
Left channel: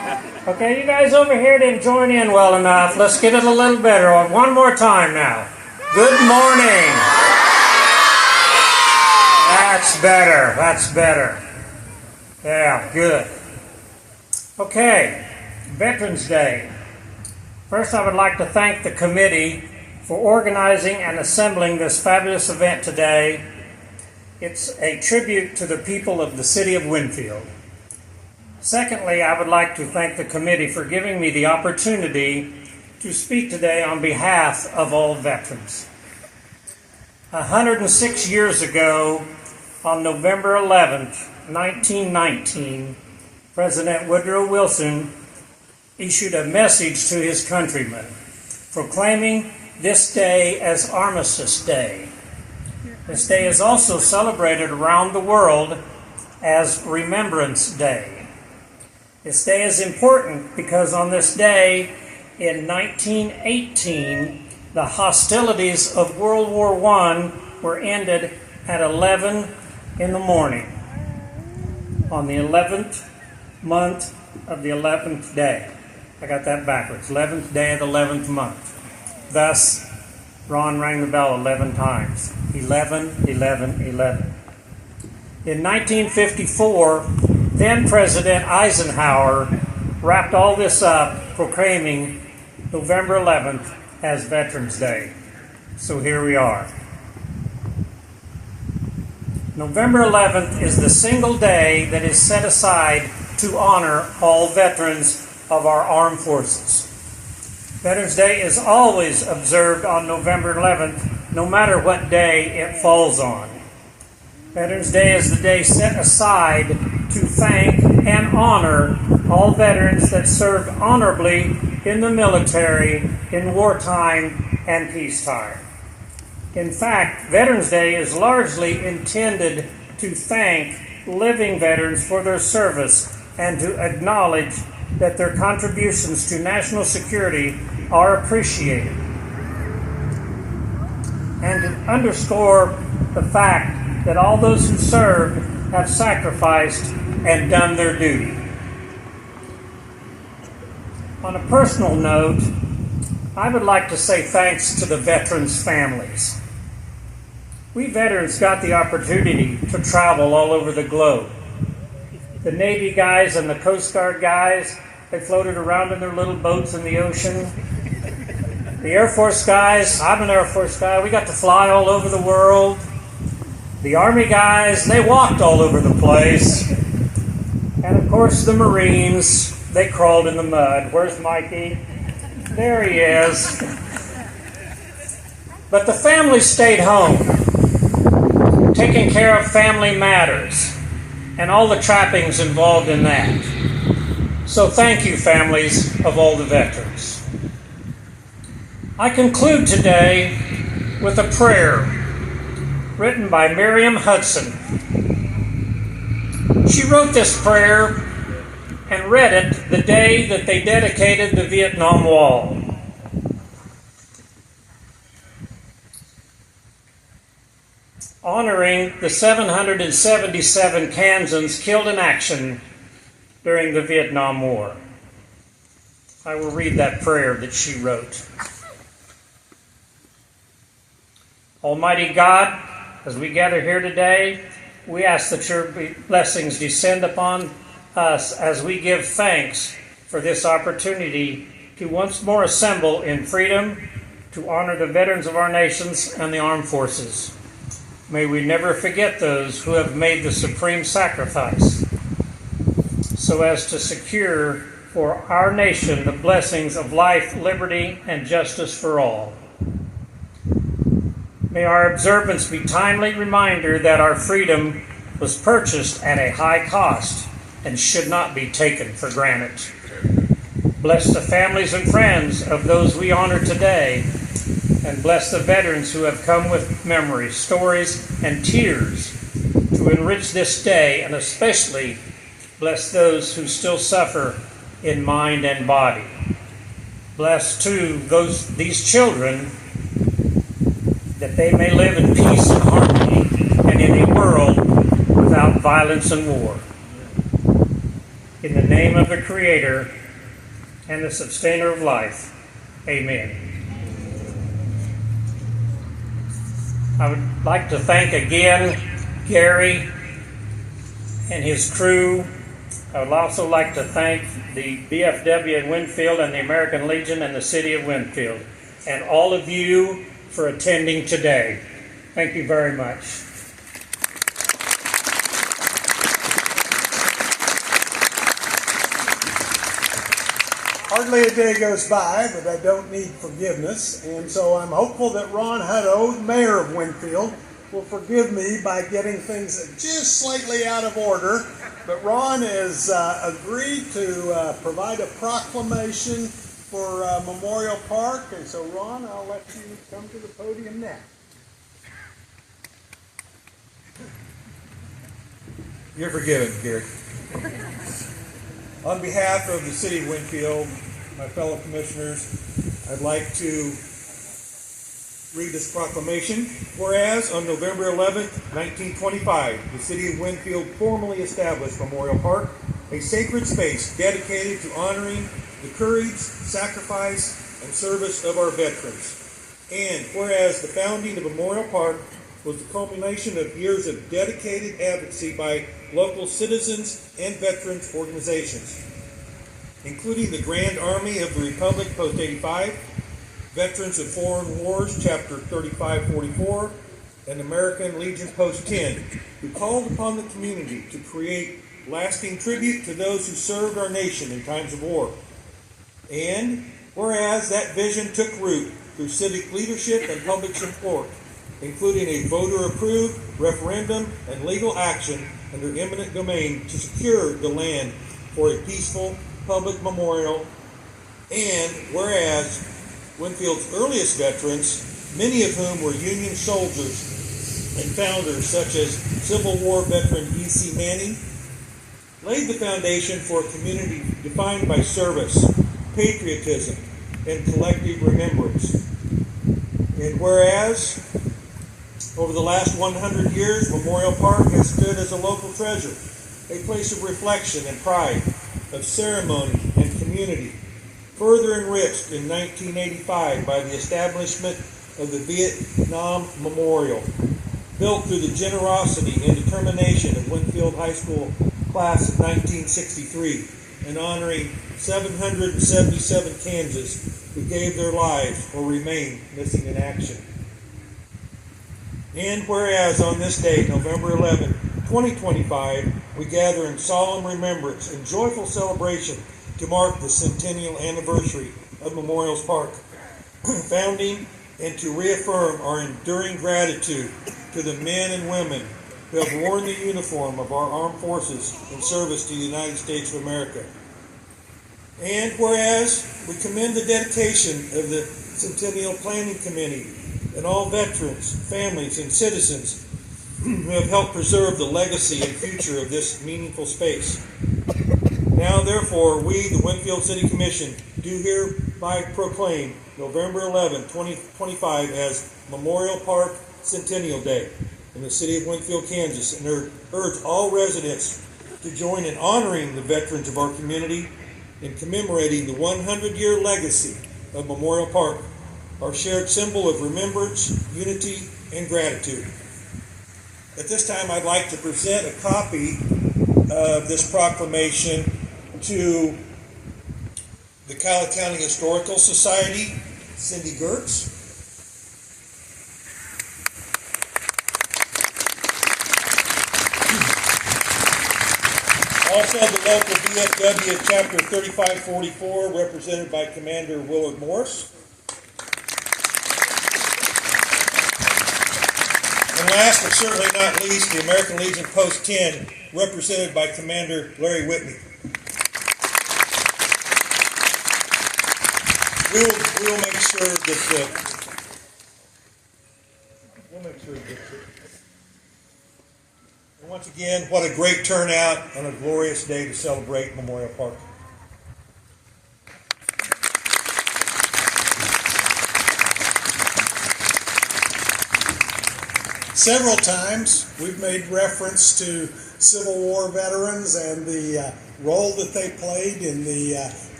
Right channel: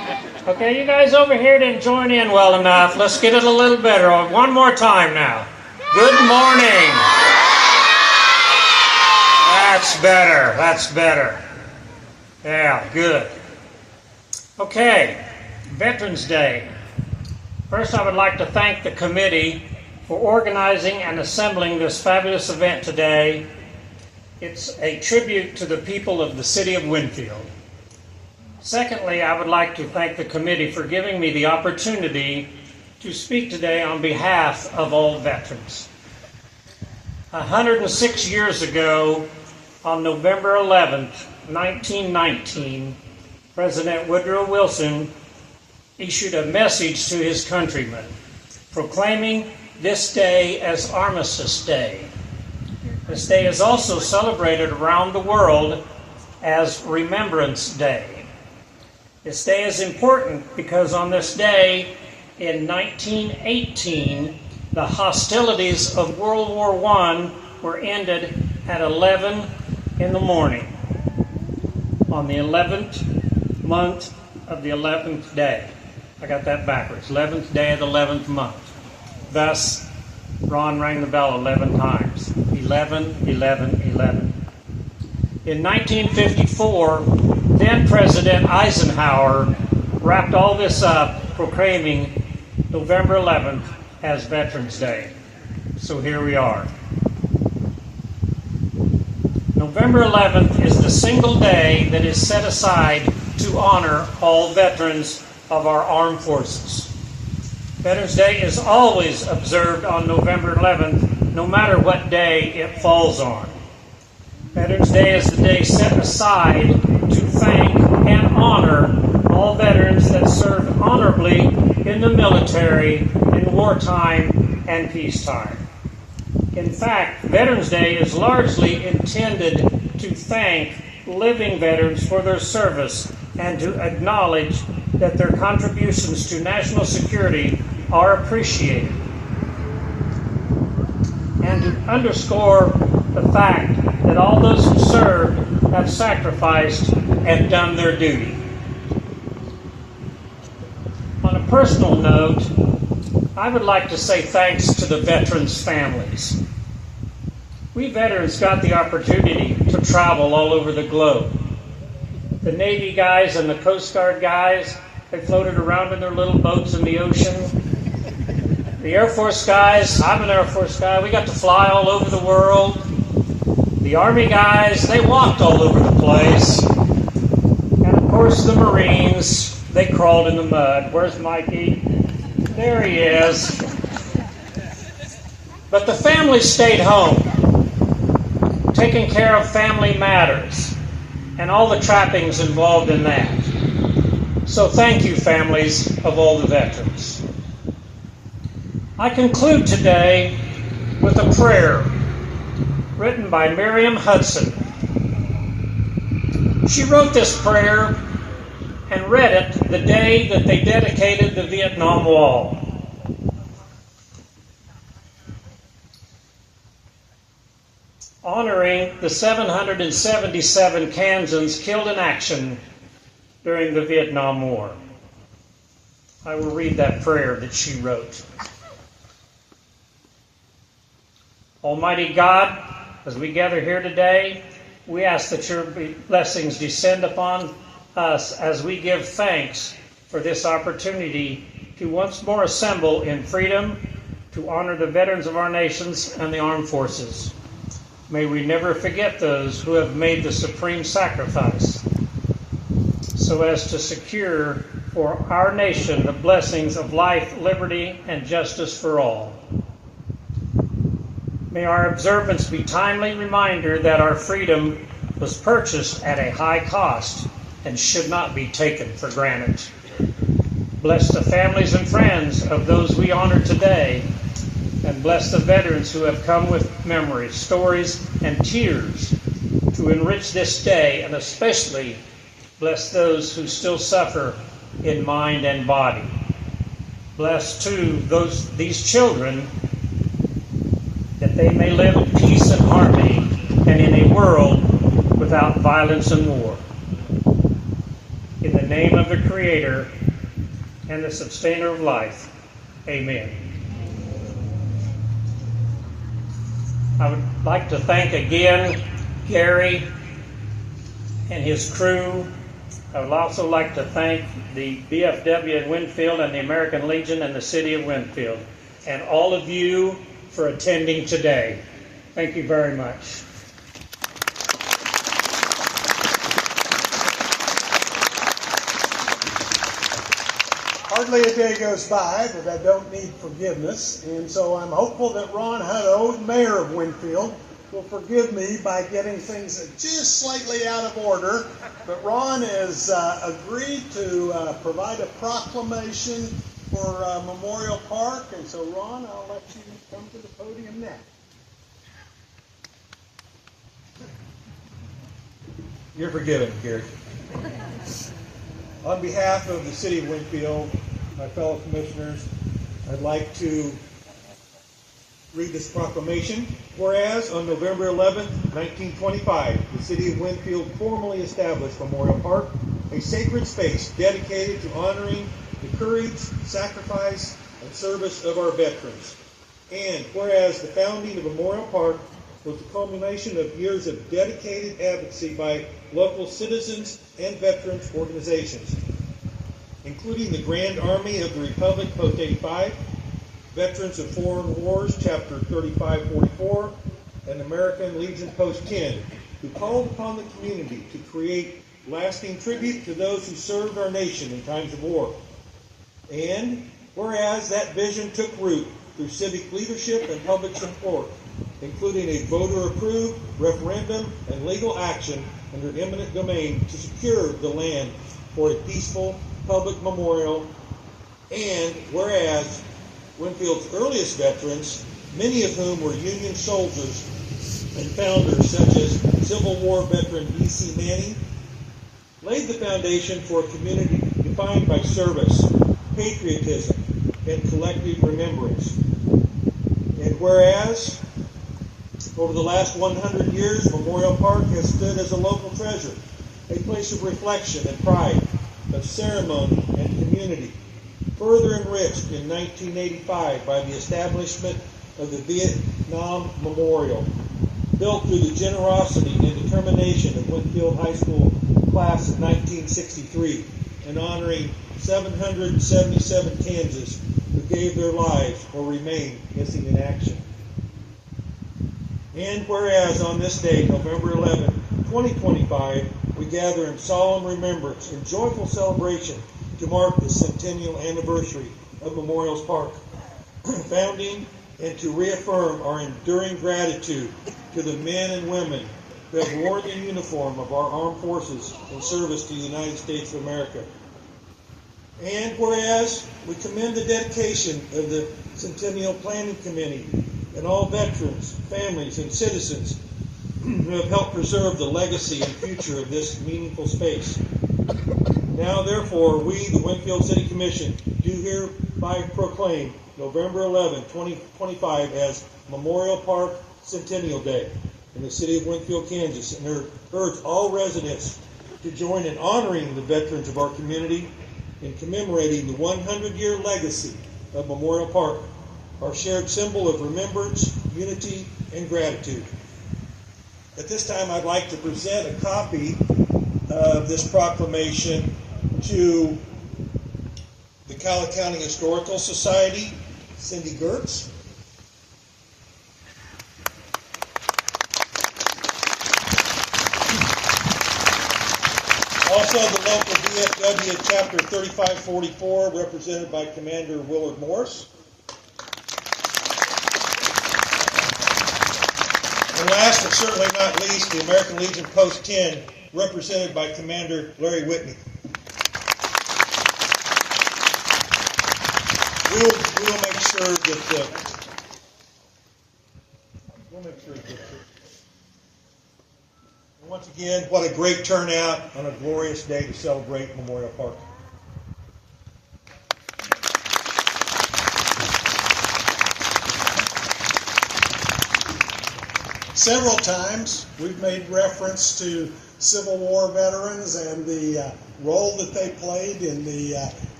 Okay, you guys over here didn't join in well enough. Let's get it a little better. One more time now. Good morning. That's better. That's better. Yeah, good. Okay, Veterans Day. First, I would like to thank the committee for organizing and assembling this fabulous event today. It's a tribute to the people of the city of Winfield. Secondly, I would like to thank the committee for giving me the opportunity to speak today on behalf of all veterans. 106 years ago, on November 11th, 1919, President Woodrow Wilson issued a message to his countrymen, proclaiming this day as Armistice Day. This day is also celebrated around the world as Remembrance Day. This day is important because on this day in 1918, the hostilities of World War I were ended at 11 in the morning on the 11th month of the 11th day. I got that backwards. 11th day of the 11th month. Thus, Ron rang the bell 11 times. 11, 11, 11. In 1954, then President Eisenhower wrapped all this up, proclaiming November 11th as Veterans Day. So here we are. November 11th is the single day that is set aside to honor all veterans of our armed forces. Veterans Day is always observed on November 11th, no matter what day it falls on. Veterans Day is the day set aside to thank and honor all veterans that served honorably in the military in wartime and peacetime. In fact, Veterans Day is largely intended to thank living veterans for their service and to acknowledge that their contributions to national security are appreciated, and to underscore the fact that all those who served have sacrificed and done their duty. On a personal note, I would like to say thanks to the veterans' families. We veterans got the opportunity to travel all over the globe. The Navy guys and the Coast Guard guys, they floated around in their little boats in the ocean. The Air Force guys, I'm an Air Force guy, we got to fly all over the world. The Army guys, they walked all over the place. And of course the Marines, they crawled in the mud. Where's Mikey? There he is. But the family stayed home, taking care of family matters and all the trappings involved in that. So thank you, families of all the veterans. I conclude today with a prayer written by Miriam Hudson. She wrote this prayer and read it the day that they dedicated the Vietnam Wall. Honoring the 777 Kansans killed in action during the Vietnam War. I will read that prayer that she wrote. Almighty God, as we gather here today, we ask that your blessings descend upon us as we give thanks for this opportunity to once more assemble in freedom to honor the veterans of our nations and the armed forces. May we never forget those who have made the supreme sacrifice so as to secure for our nation the blessings of life, liberty, and justice for all. May our observance be timely reminder that our freedom was purchased at a high cost and should not be taken for granted. Bless the families and friends of those we honor today, and bless the veterans who have come with memories, stories, and tears to enrich this day, and especially bless those who still suffer in mind and body. Bless, too, these children, that they may live in peace and harmony and in a world without violence and war. In the name of the Creator, and the sustainer of life. Amen. I would like to thank again Gary and his crew. I would also like to thank the BFW at Winfield and the American Legion and the City of Winfield, and all of you for attending today. Thank you very much. Hardly a day goes by that I don't need forgiveness, and so I'm hopeful that Ron Hutto, mayor of Winfield, will forgive me by getting things just slightly out of order. But Ron has agreed to provide a proclamation for Memorial Park, and so Ron, I'll let you come to the podium now. You're forgiven, Gary. On behalf of the City of Winfield, my fellow commissioners, I'd like to read this proclamation. Whereas on November 11th, 1925, the City of Winfield formally established Memorial Park, a sacred space dedicated to honoring the courage, sacrifice, and service of our veterans. And whereas the founding of Memorial Park was the culmination of years of dedicated advocacy by local citizens and veterans organizations, including the Grand Army of the Republic Post 85, Veterans of Foreign Wars Chapter 3544, and American Legion Post 10, who called upon the community to create lasting tribute to those who served our nation in times of war. And whereas that vision took root through civic leadership and public support, including a voter-approved referendum and legal action under eminent domain to secure the land for a peaceful public memorial. And whereas Winfield's earliest veterans, many of whom were Union soldiers and founders such as Civil War veteran E.C. Manning, laid the foundation for a community defined by service, patriotism, and collective remembrance. And whereas over the last 100 years, Memorial Park has stood as a local treasure, a place of reflection and pride, of ceremony and community, further enriched in 1985 by the establishment of the Vietnam Memorial, built through the generosity and determination of Winfield High School class of 1963, and honoring 777 Kansas who gave their lives or remain missing in action. And whereas on this day, November 11, 2025, we gather in solemn remembrance and joyful celebration to mark the centennial anniversary of Memorial Park founding, and to reaffirm our enduring gratitude to the men and women who have worn the uniform of our armed forces in service to the United States of America. And whereas we commend the dedication of the Centennial Planning Committee and all veterans, families, and citizens who have helped preserve the legacy and future of this meaningful space. Now, therefore, we, the Winfield City Commission, do hereby proclaim November 11, 2025 as Memorial Park Centennial Day in the city of Winfield, Kansas, and urge all residents to join in honoring the veterans of our community and commemorating the 100-year legacy of Memorial Park, our shared symbol of remembrance, unity, and gratitude. At this time, I'd like to present a copy of this proclamation to the Cowley County Historical Society, Cindy Gertz. Also, the local VFW Chapter 3544, represented by Commander Willard Morse. And last but certainly not least, the American Legion Post 10, represented by Commander Larry Whitney. We'll make sure that and once again, what a great turnout and a glorious day to celebrate Memorial Park. Several times we've made reference to Civil War veterans and the role that they played in the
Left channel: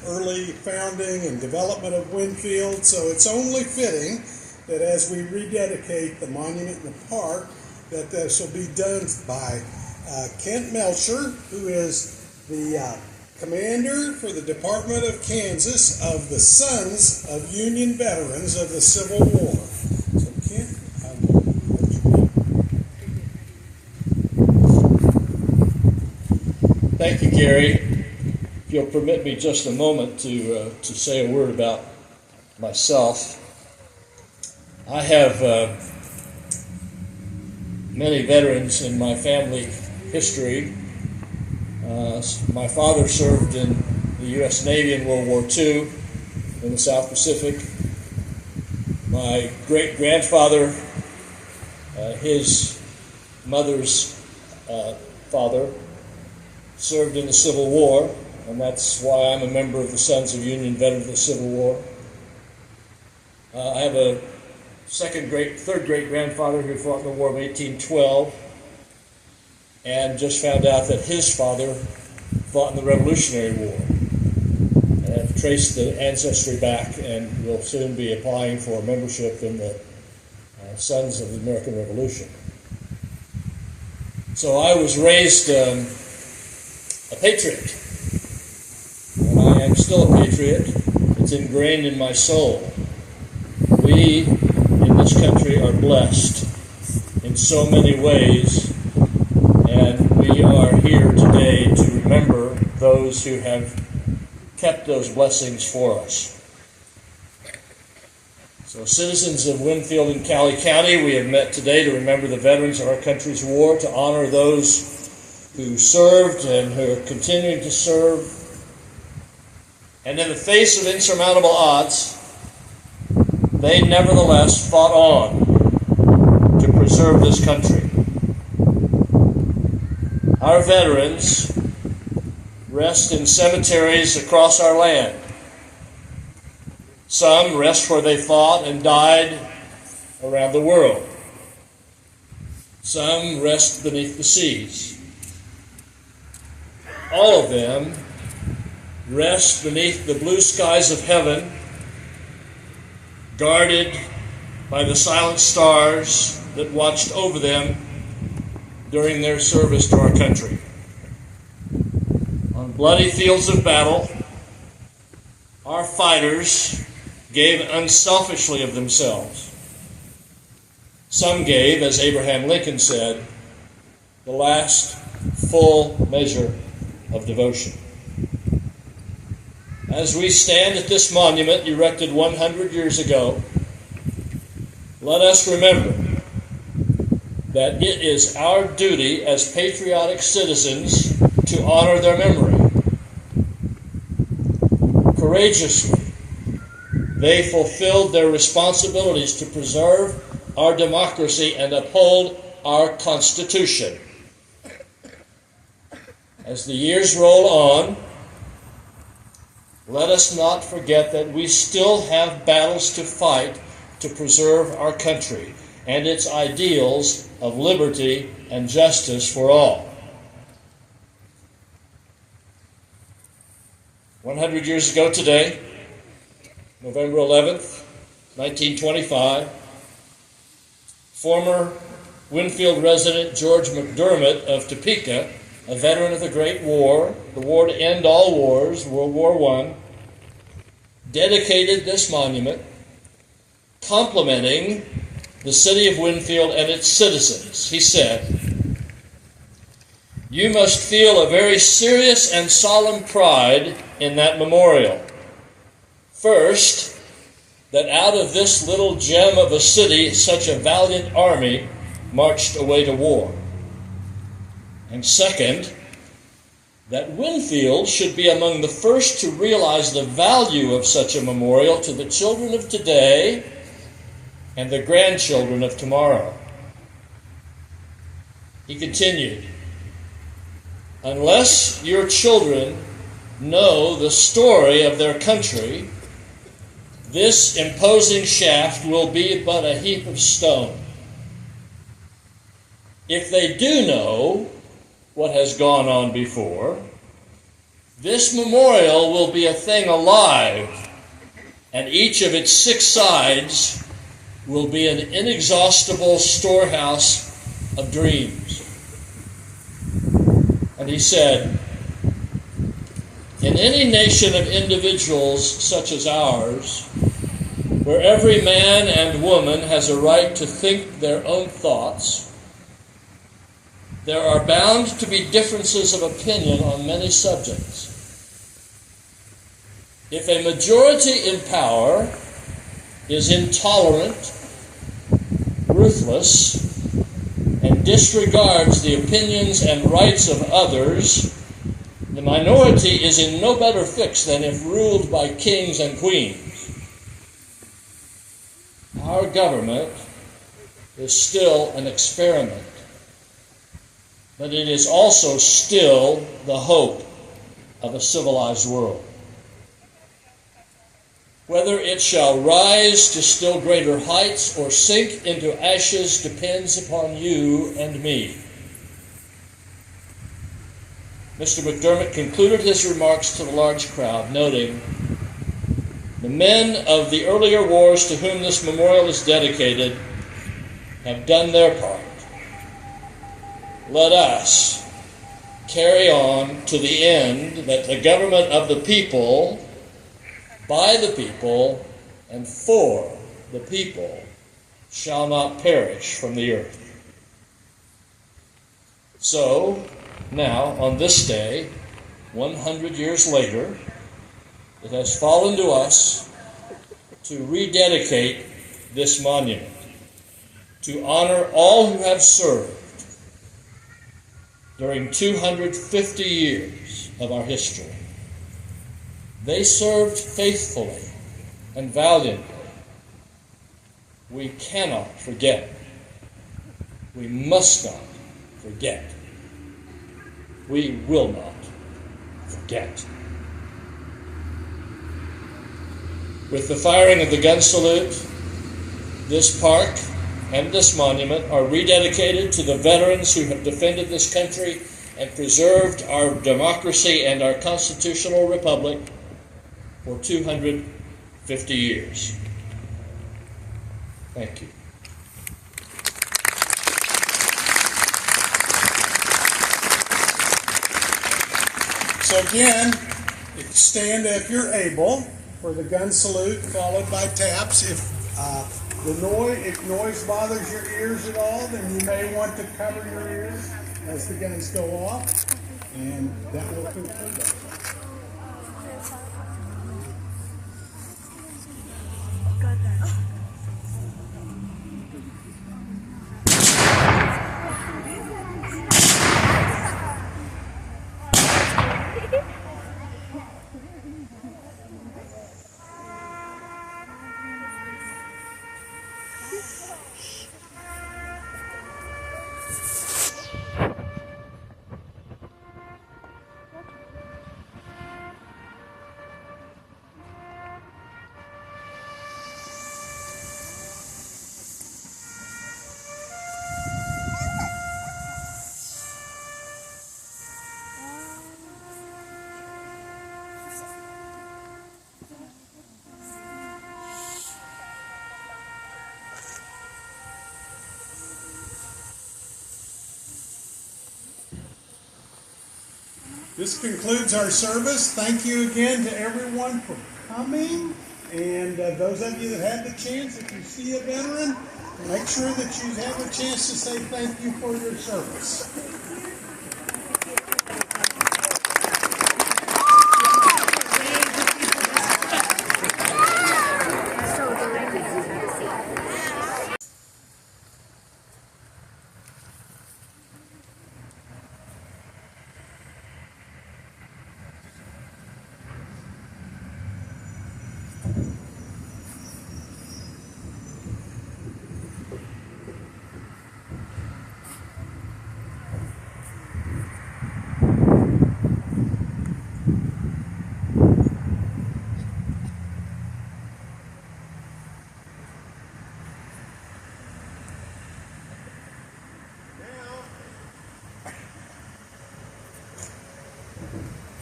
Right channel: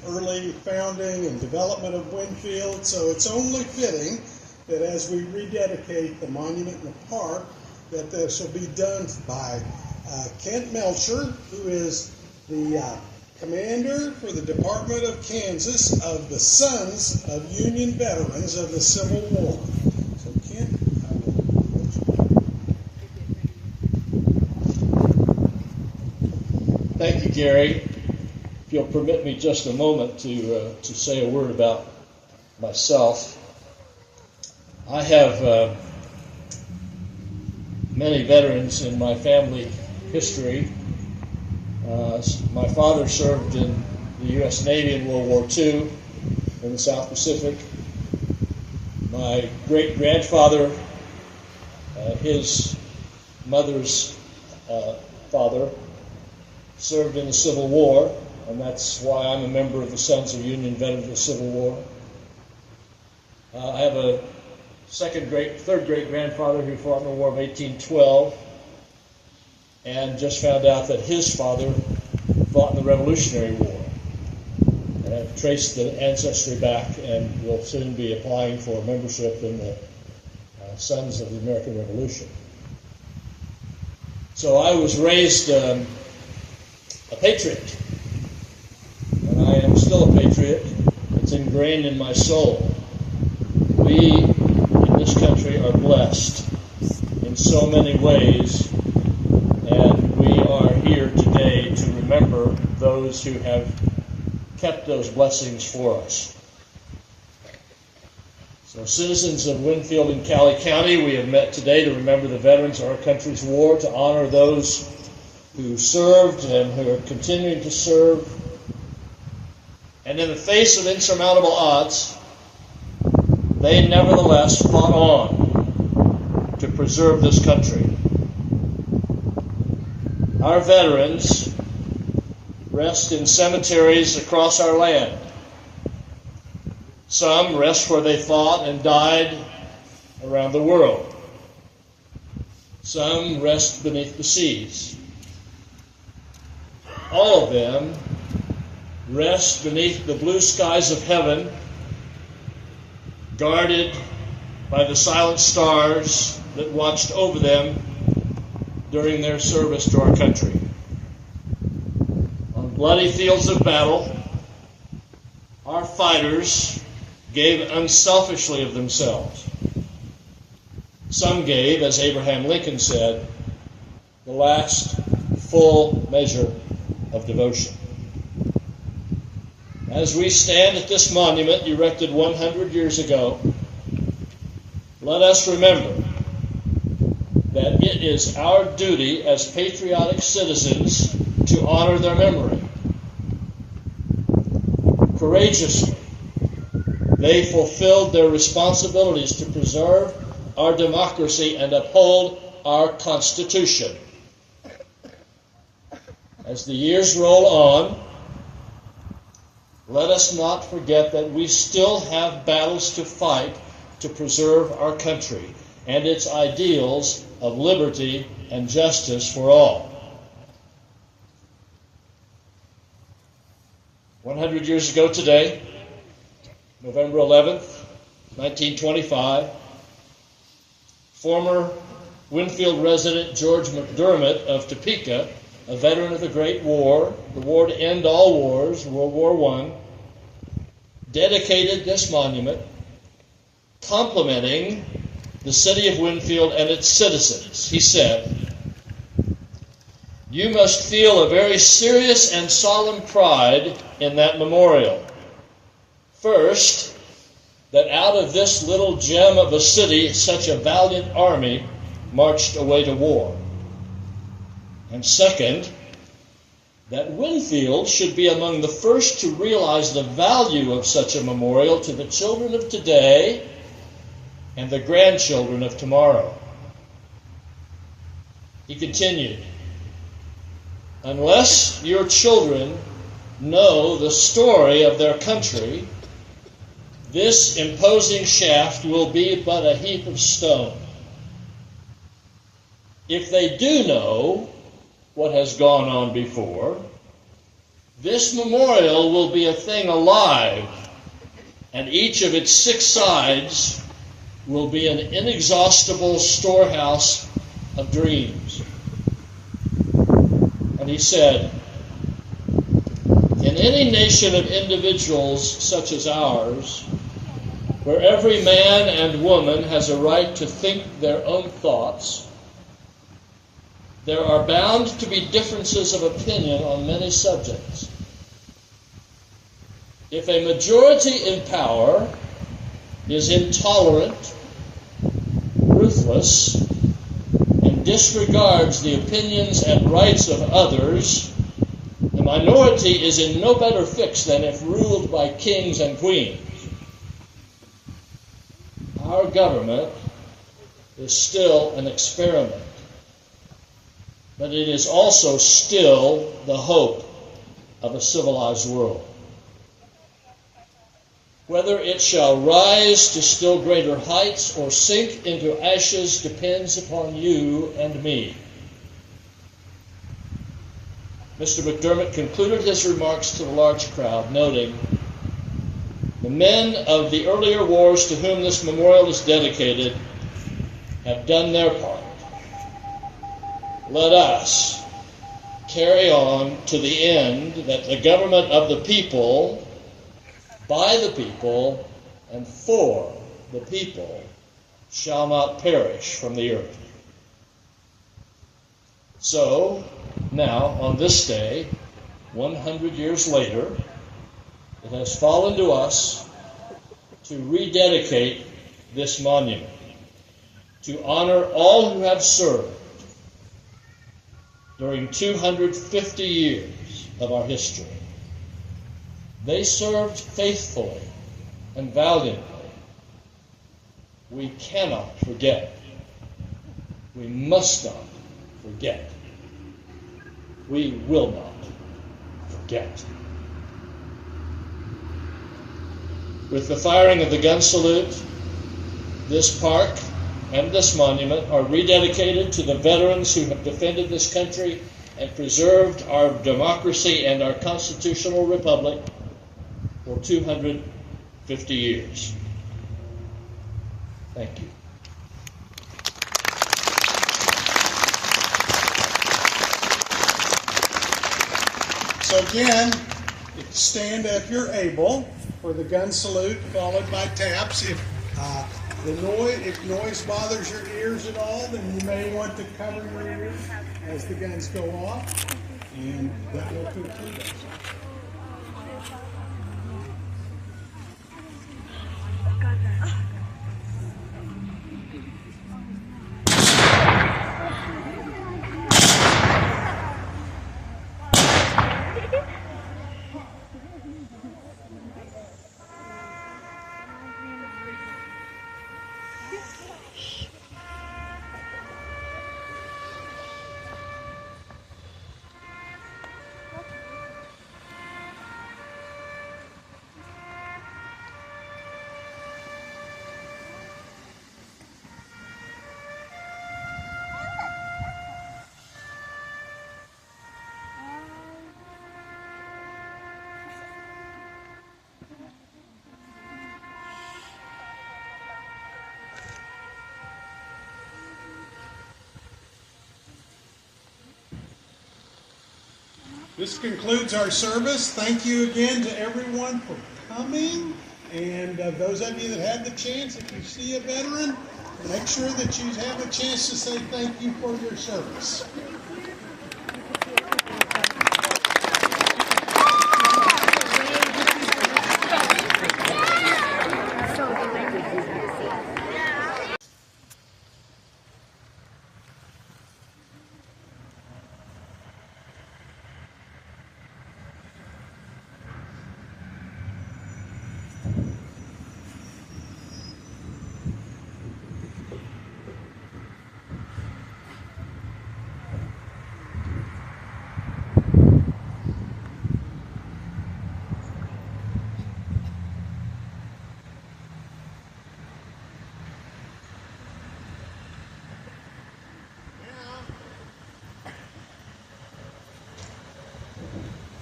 early founding and development of Winfield, so it's only fitting that as we rededicate the monument in the park, that this will be done by Kent Melcher, who is the commander for the Department of Kansas of the Sons of Union Veterans of the Civil War. So Kent, Thank you, Gary. If you'll permit me just a moment to say a word about myself. I have many veterans in my family history. My father served in the U.S. Navy in World War II in the South Pacific. My great-grandfather, his mother's father, served in the Civil War, and that's why I'm a member of the Sons of Union Veterans of the Civil War. I have a third great-grandfather who fought in the War of 1812, and just found out that his father fought in the Revolutionary War. And I've traced the ancestry back and will soon be applying for membership in the Sons of the American Revolution. So I was raised a patriot. And I am still a patriot. It's ingrained in my soul. We in this country are blessed in so many ways, and we are here today to remember those who have kept those blessings for us. So, citizens of Winfield and Cowley County, we have met today to remember the veterans of our country's war, to honor those who served and who are continuing to serve. And in the face of insurmountable odds, they nevertheless fought on to preserve this country. Our veterans rest in cemeteries across our land. Some rest where they fought and died around the world. Some rest beneath the seas. All of them rest beneath the blue skies of heaven, guarded by the silent stars that watched over them during their service to our country. On bloody fields of battle, our fighters gave unselfishly of themselves. Some gave, as Abraham Lincoln said, the last full measure of devotion. As we stand at this monument erected 100 years ago, let us remember that it is our duty as patriotic citizens to honor their memory. Courageously, they fulfilled their responsibilities to preserve our democracy and uphold our Constitution. As the years roll on, let us not forget that we still have battles to fight to preserve our country and its ideals of liberty and justice for all. 100 years ago today, November 11th, 1925, former Winfield resident George McDermott of Topeka, a veteran of the Great War, the war to end all wars, World War I, dedicated this monument complimenting the city of Winfield and its citizens. He said, "You must feel a very serious and solemn pride in that memorial. First, that out of this little gem of a city, such a valiant army marched away to war. And second, that Winfield should be among the first to realize the value of such a memorial to the children of today and the grandchildren of tomorrow." He continued, "Unless your children know the story of their country, this imposing shaft will be but a heap of stone. If they do know what has gone on before, This memorial will be a thing alive, and each of its 6 sides will be an inexhaustible storehouse of dreams. And he said, in any nation of individuals such as ours, where every man and woman has a right to think their own thoughts, there are bound to be differences of opinion on many subjects. If a majority in power is intolerant, ruthless, and disregards the opinions and rights of others, the minority is in no better fix than if ruled by kings and queens. Our government is still an experiment, but it is also still the hope of a civilized world. Whether it shall rise to still greater heights or sink into ashes depends upon you and me. Mr. McDermott concluded his remarks to the large crowd, noting, the men of the earlier wars to whom this memorial is dedicated have done their part. Let us carry on to the end that the government of the people, by the people, and for the people shall not perish from the earth. So, now, on this day, 100 years later, it has fallen to us to rededicate this monument, to honor all who have served during 250 years of our history. They served faithfully and valiantly. We cannot forget. We must not forget. We will not forget. With the firing of the gun salute, this park and this monument are rededicated to the veterans who have defended this country and preserved our democracy and our constitutional republic for 250 years. Thank you. So again, stand if you're able for the gun salute, followed by taps. If noise bothers your ears at all, then you may want to cover your ears as the guns go off, and that will conclude it. This concludes our service. Thank you again to everyone for coming. And those of you that had the chance, if you see a veteran, make sure that you have a chance to say thank you for your service.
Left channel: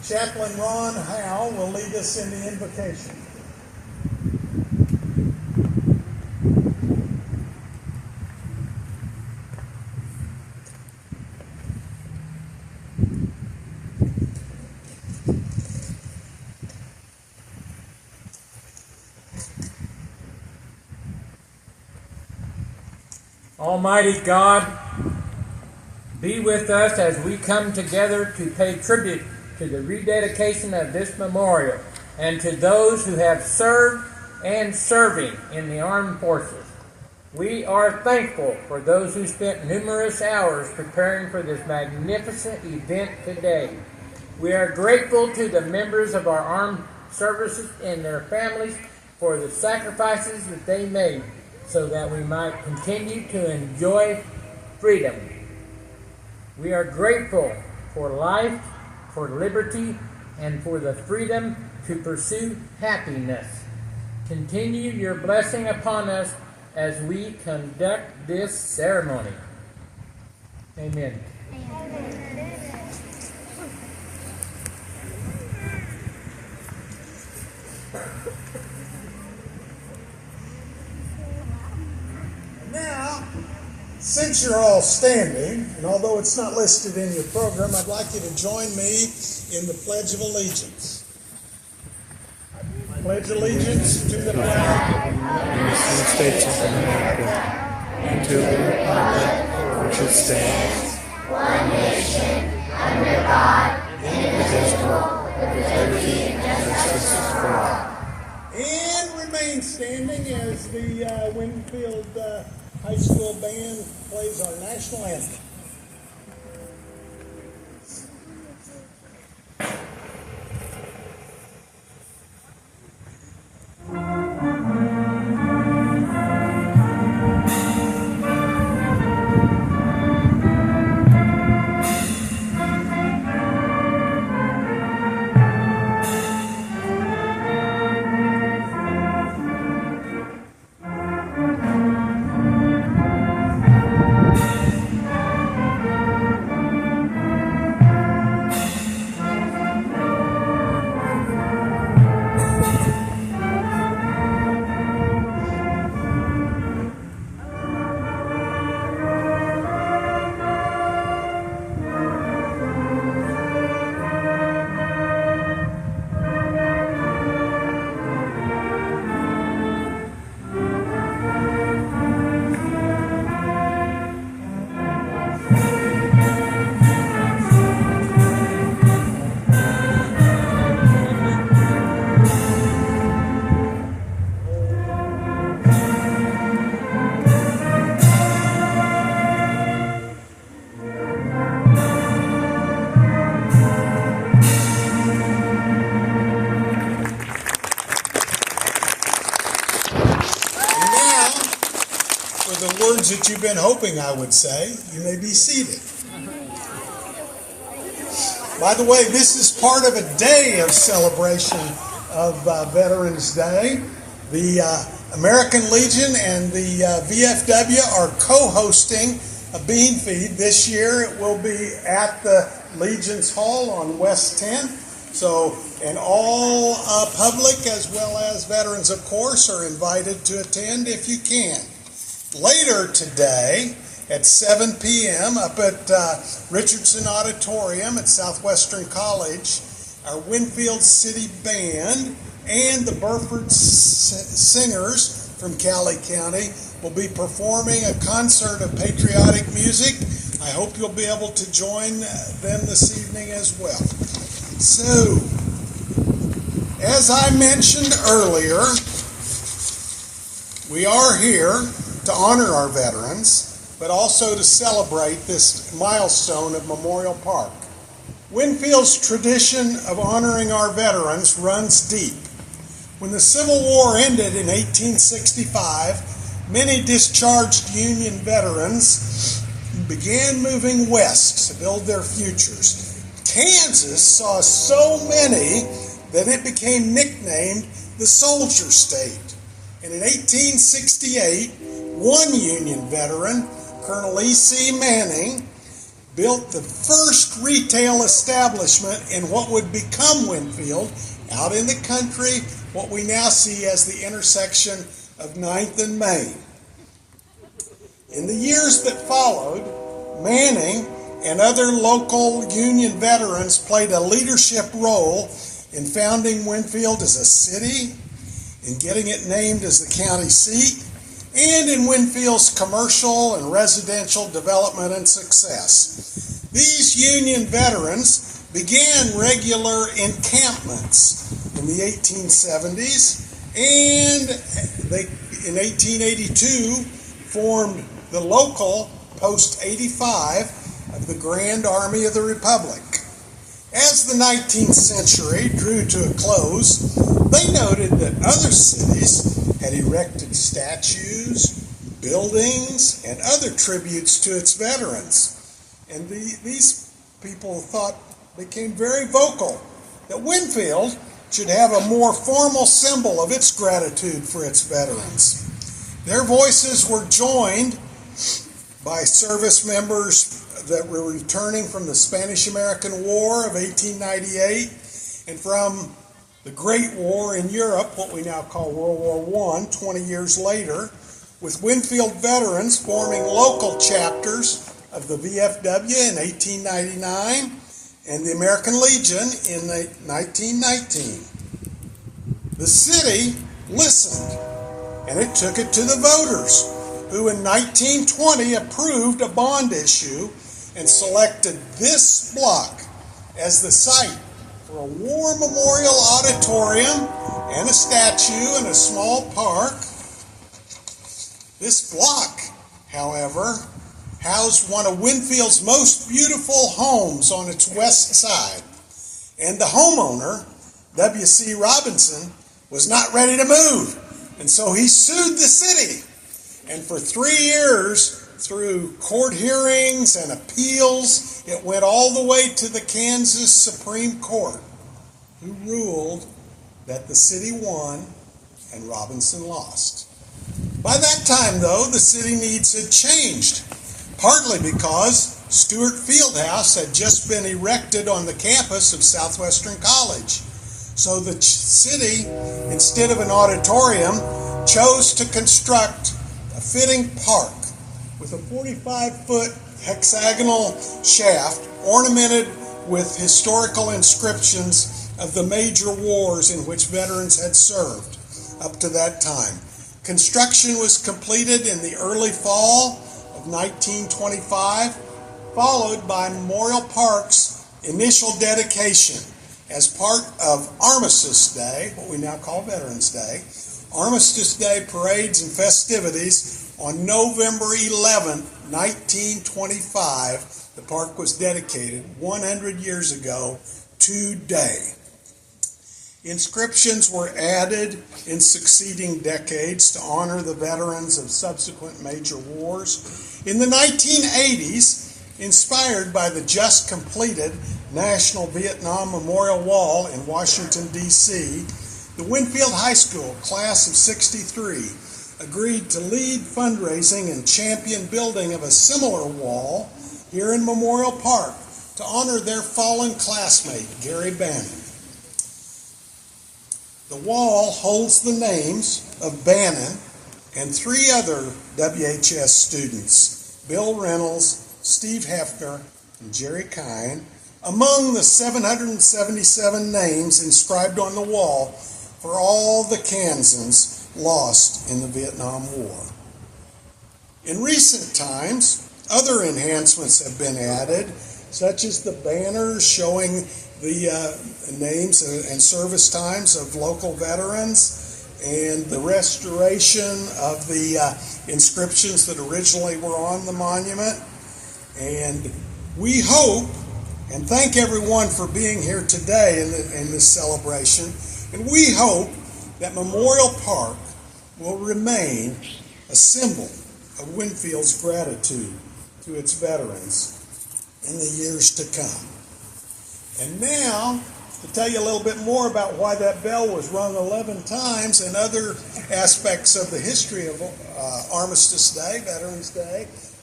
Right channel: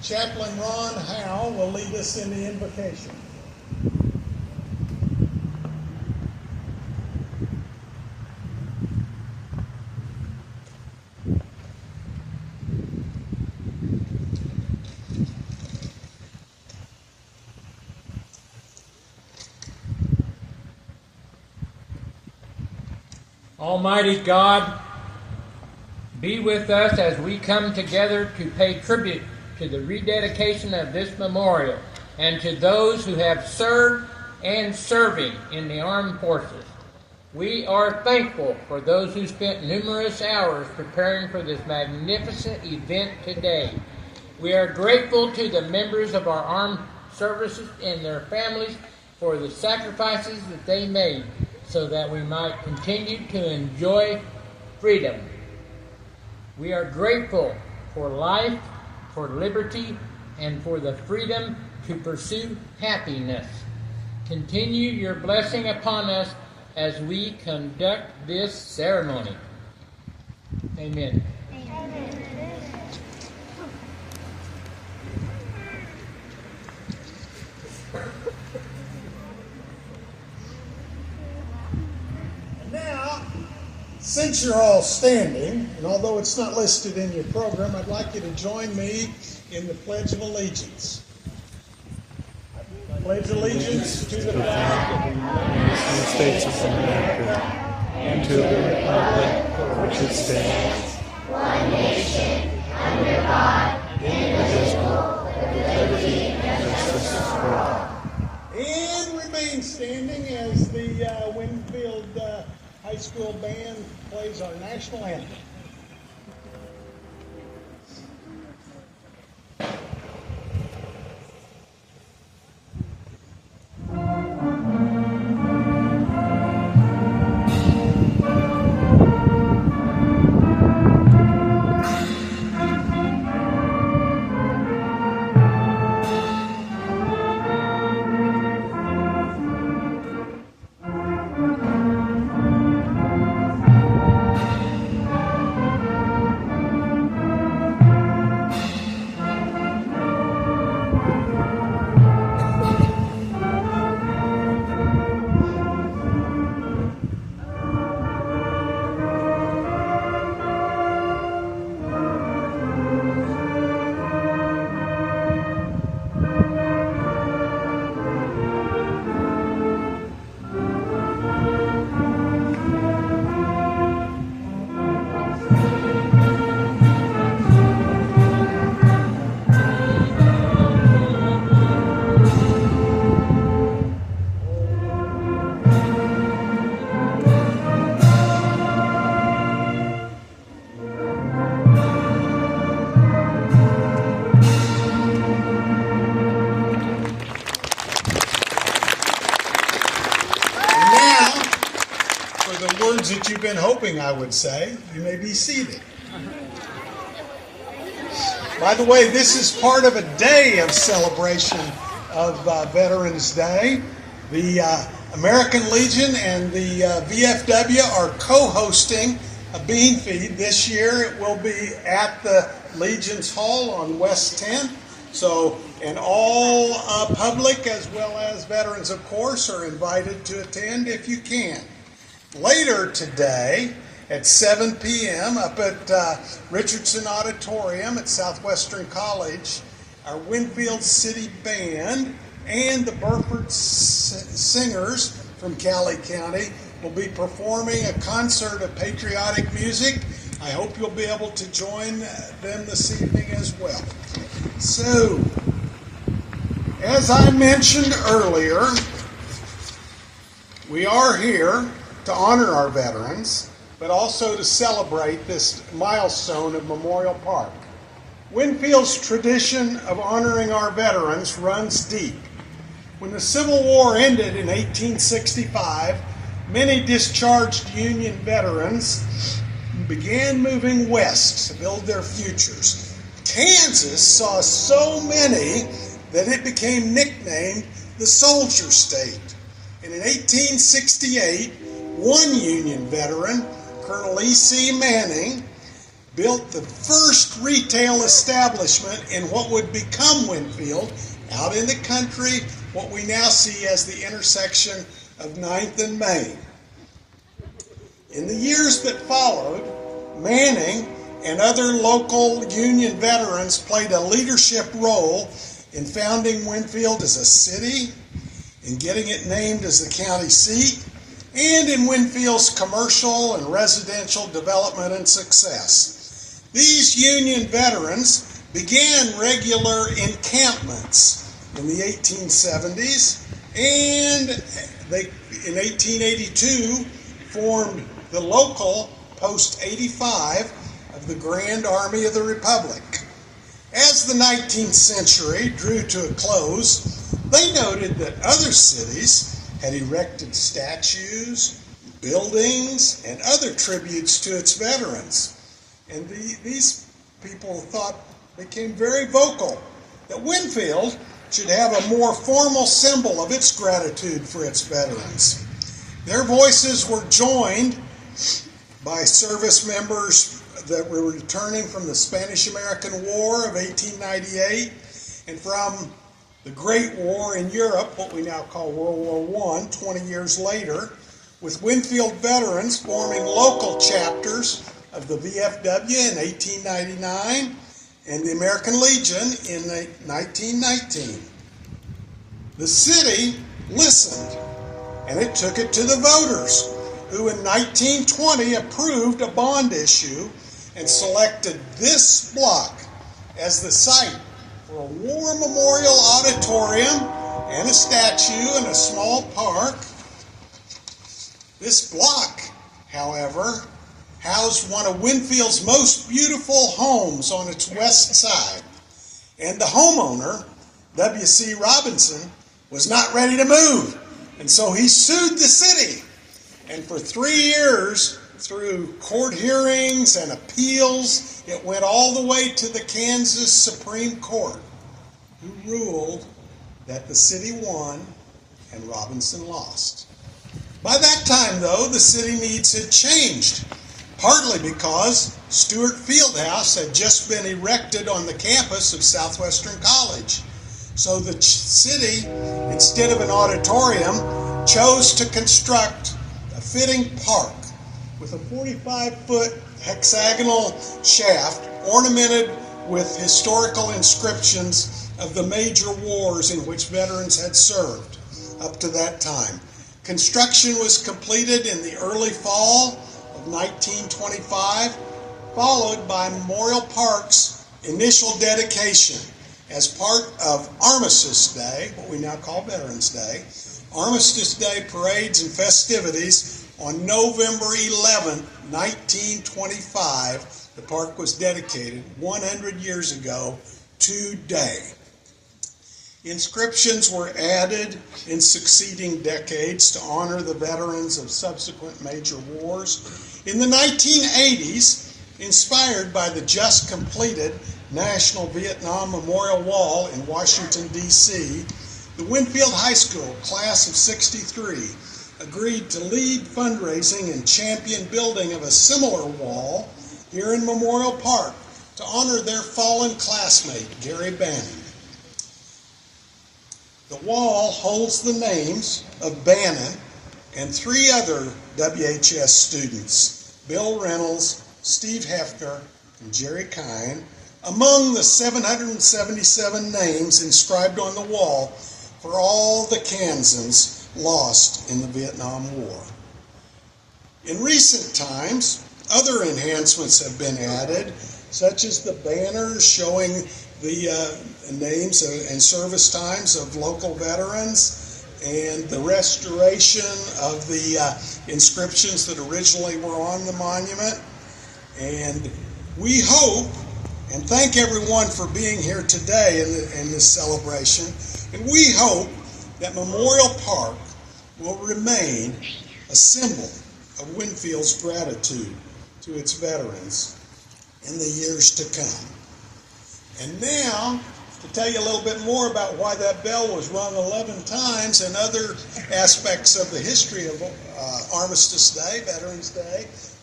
Chaplain Ron Howe will lead us in the invocation. Almighty God, be with us as we come together to pay tribute to the rededication of this memorial and to those who have served and serving in the armed forces. We are thankful for those who spent numerous hours preparing for this magnificent event today. We are grateful to the members of our armed services and their families for the sacrifices that they made so that we might continue to enjoy freedom. We are grateful for life, for liberty, and for the freedom to pursue happiness. Continue your blessing upon us as we conduct this ceremony. Amen. Now, since you're all standing, and although it's not listed in your program, I'd like you to join me in the Pledge of Allegiance. I pledge allegiance to the flag of the United States of America and to the republic which it stands, one nation, under God, indivisible, with liberty and justice for all. and remain standing as the Winfield High School Band plays our national anthem. That you've been hoping I would say. You may be seated. By the way, this is part of a day of celebration of Veterans Day. The American Legion and the VFW are co-hosting a bean feed. This year it will be at the Legion's Hall on West 10th. So, and all public as well as veterans, of course, are invited to attend if you can. Later today at 7 p.m. up at Richardson Auditorium at Southwestern College, our Winfield City Band and the Burford Singers from Cowley County will be performing a concert of patriotic music. I hope you'll be able to join them this evening as well. So, as I mentioned earlier, we are here to honor our veterans, but also to celebrate this milestone of Memorial Park. Winfield's tradition of honoring our veterans runs deep. When the Civil War ended in 1865, many discharged Union veterans began moving west to build their futures. Kansas saw so many that it became nicknamed the Soldier State. And in 1868, one Union veteran, Colonel E.C. Manning, built the first retail establishment in what would become Winfield, out in the country, what we now see as the intersection of 9th and Main. In the years that followed, Manning and other local Union veterans played a leadership role in founding Winfield as a city, in getting it named as the county seat, and in Winfield's commercial and residential development and success. These Union veterans began regular encampments in the 1870s, and they, in 1882, formed the local Post 85 of the Grand Army of the Republic. As the 19th century drew to a close, they noted that other cities had erected statues, buildings, and other tributes to its veterans. And these people became very vocal that Winfield should have a more formal symbol of its gratitude for its veterans. Their voices were joined by service members that were returning from the Spanish-American War of 1898 and from the Great War in Europe, what we now call World War I, 20 years later, with Winfield veterans forming local chapters of the VFW in 1899 and the American Legion in 1919. The city listened, and it took it to the voters, who in 1920 approved a bond issue and selected this block as the site for a war memorial auditorium and a statue and a small park. This block, however, housed one of Winfield's most beautiful homes on its west side, and the homeowner, W.C. Robinson, was not ready to move, and so he sued the city. And for 3 years, through court hearings and appeals, it went all the way to the Kansas Supreme Court, who ruled that the city won and Robinson lost. By that time, though, the city needs had changed, partly because Stewart Fieldhouse had just been erected on the campus of Southwestern College. So the city, instead of an auditorium, chose to construct a fitting park with a 45-foot hexagonal shaft ornamented with historical inscriptions of the major wars in which veterans had served up to that time. Construction was completed in the early fall of 1925, followed by Memorial Park's initial dedication as part of Armistice Day, what we now call Veterans Day. Armistice Day parades and festivities on November 11, 1925, the park was dedicated 100 years ago today. Inscriptions were added in succeeding decades to honor the veterans of subsequent major wars. In the 1980s, inspired by the just completed National Vietnam Memorial Wall in Washington, D.C., the Winfield High School class of 63 agreed to lead fundraising and champion building of a similar wall here in Memorial Park to honor their fallen classmate, Gary Bannon. The wall holds the names of Bannon and 3 other WHS students, Bill Reynolds, Steve Hefner, and Jerry Kine, among the 777 names inscribed on the wall for all the Kansans lost in the Vietnam War. In recent times, other enhancements have been added, such as the banners showing the names and service times of local veterans, and the restoration of the inscriptions that originally were on the monument. And we hope and thank everyone for being here today in this celebration. And we hope that Memorial Park will remain a symbol of Winfield's gratitude to its veterans in the years to come. And now, to tell you a little bit more about why that bell was rung 11 times and other aspects of the history of Armistice Day, Veterans Day,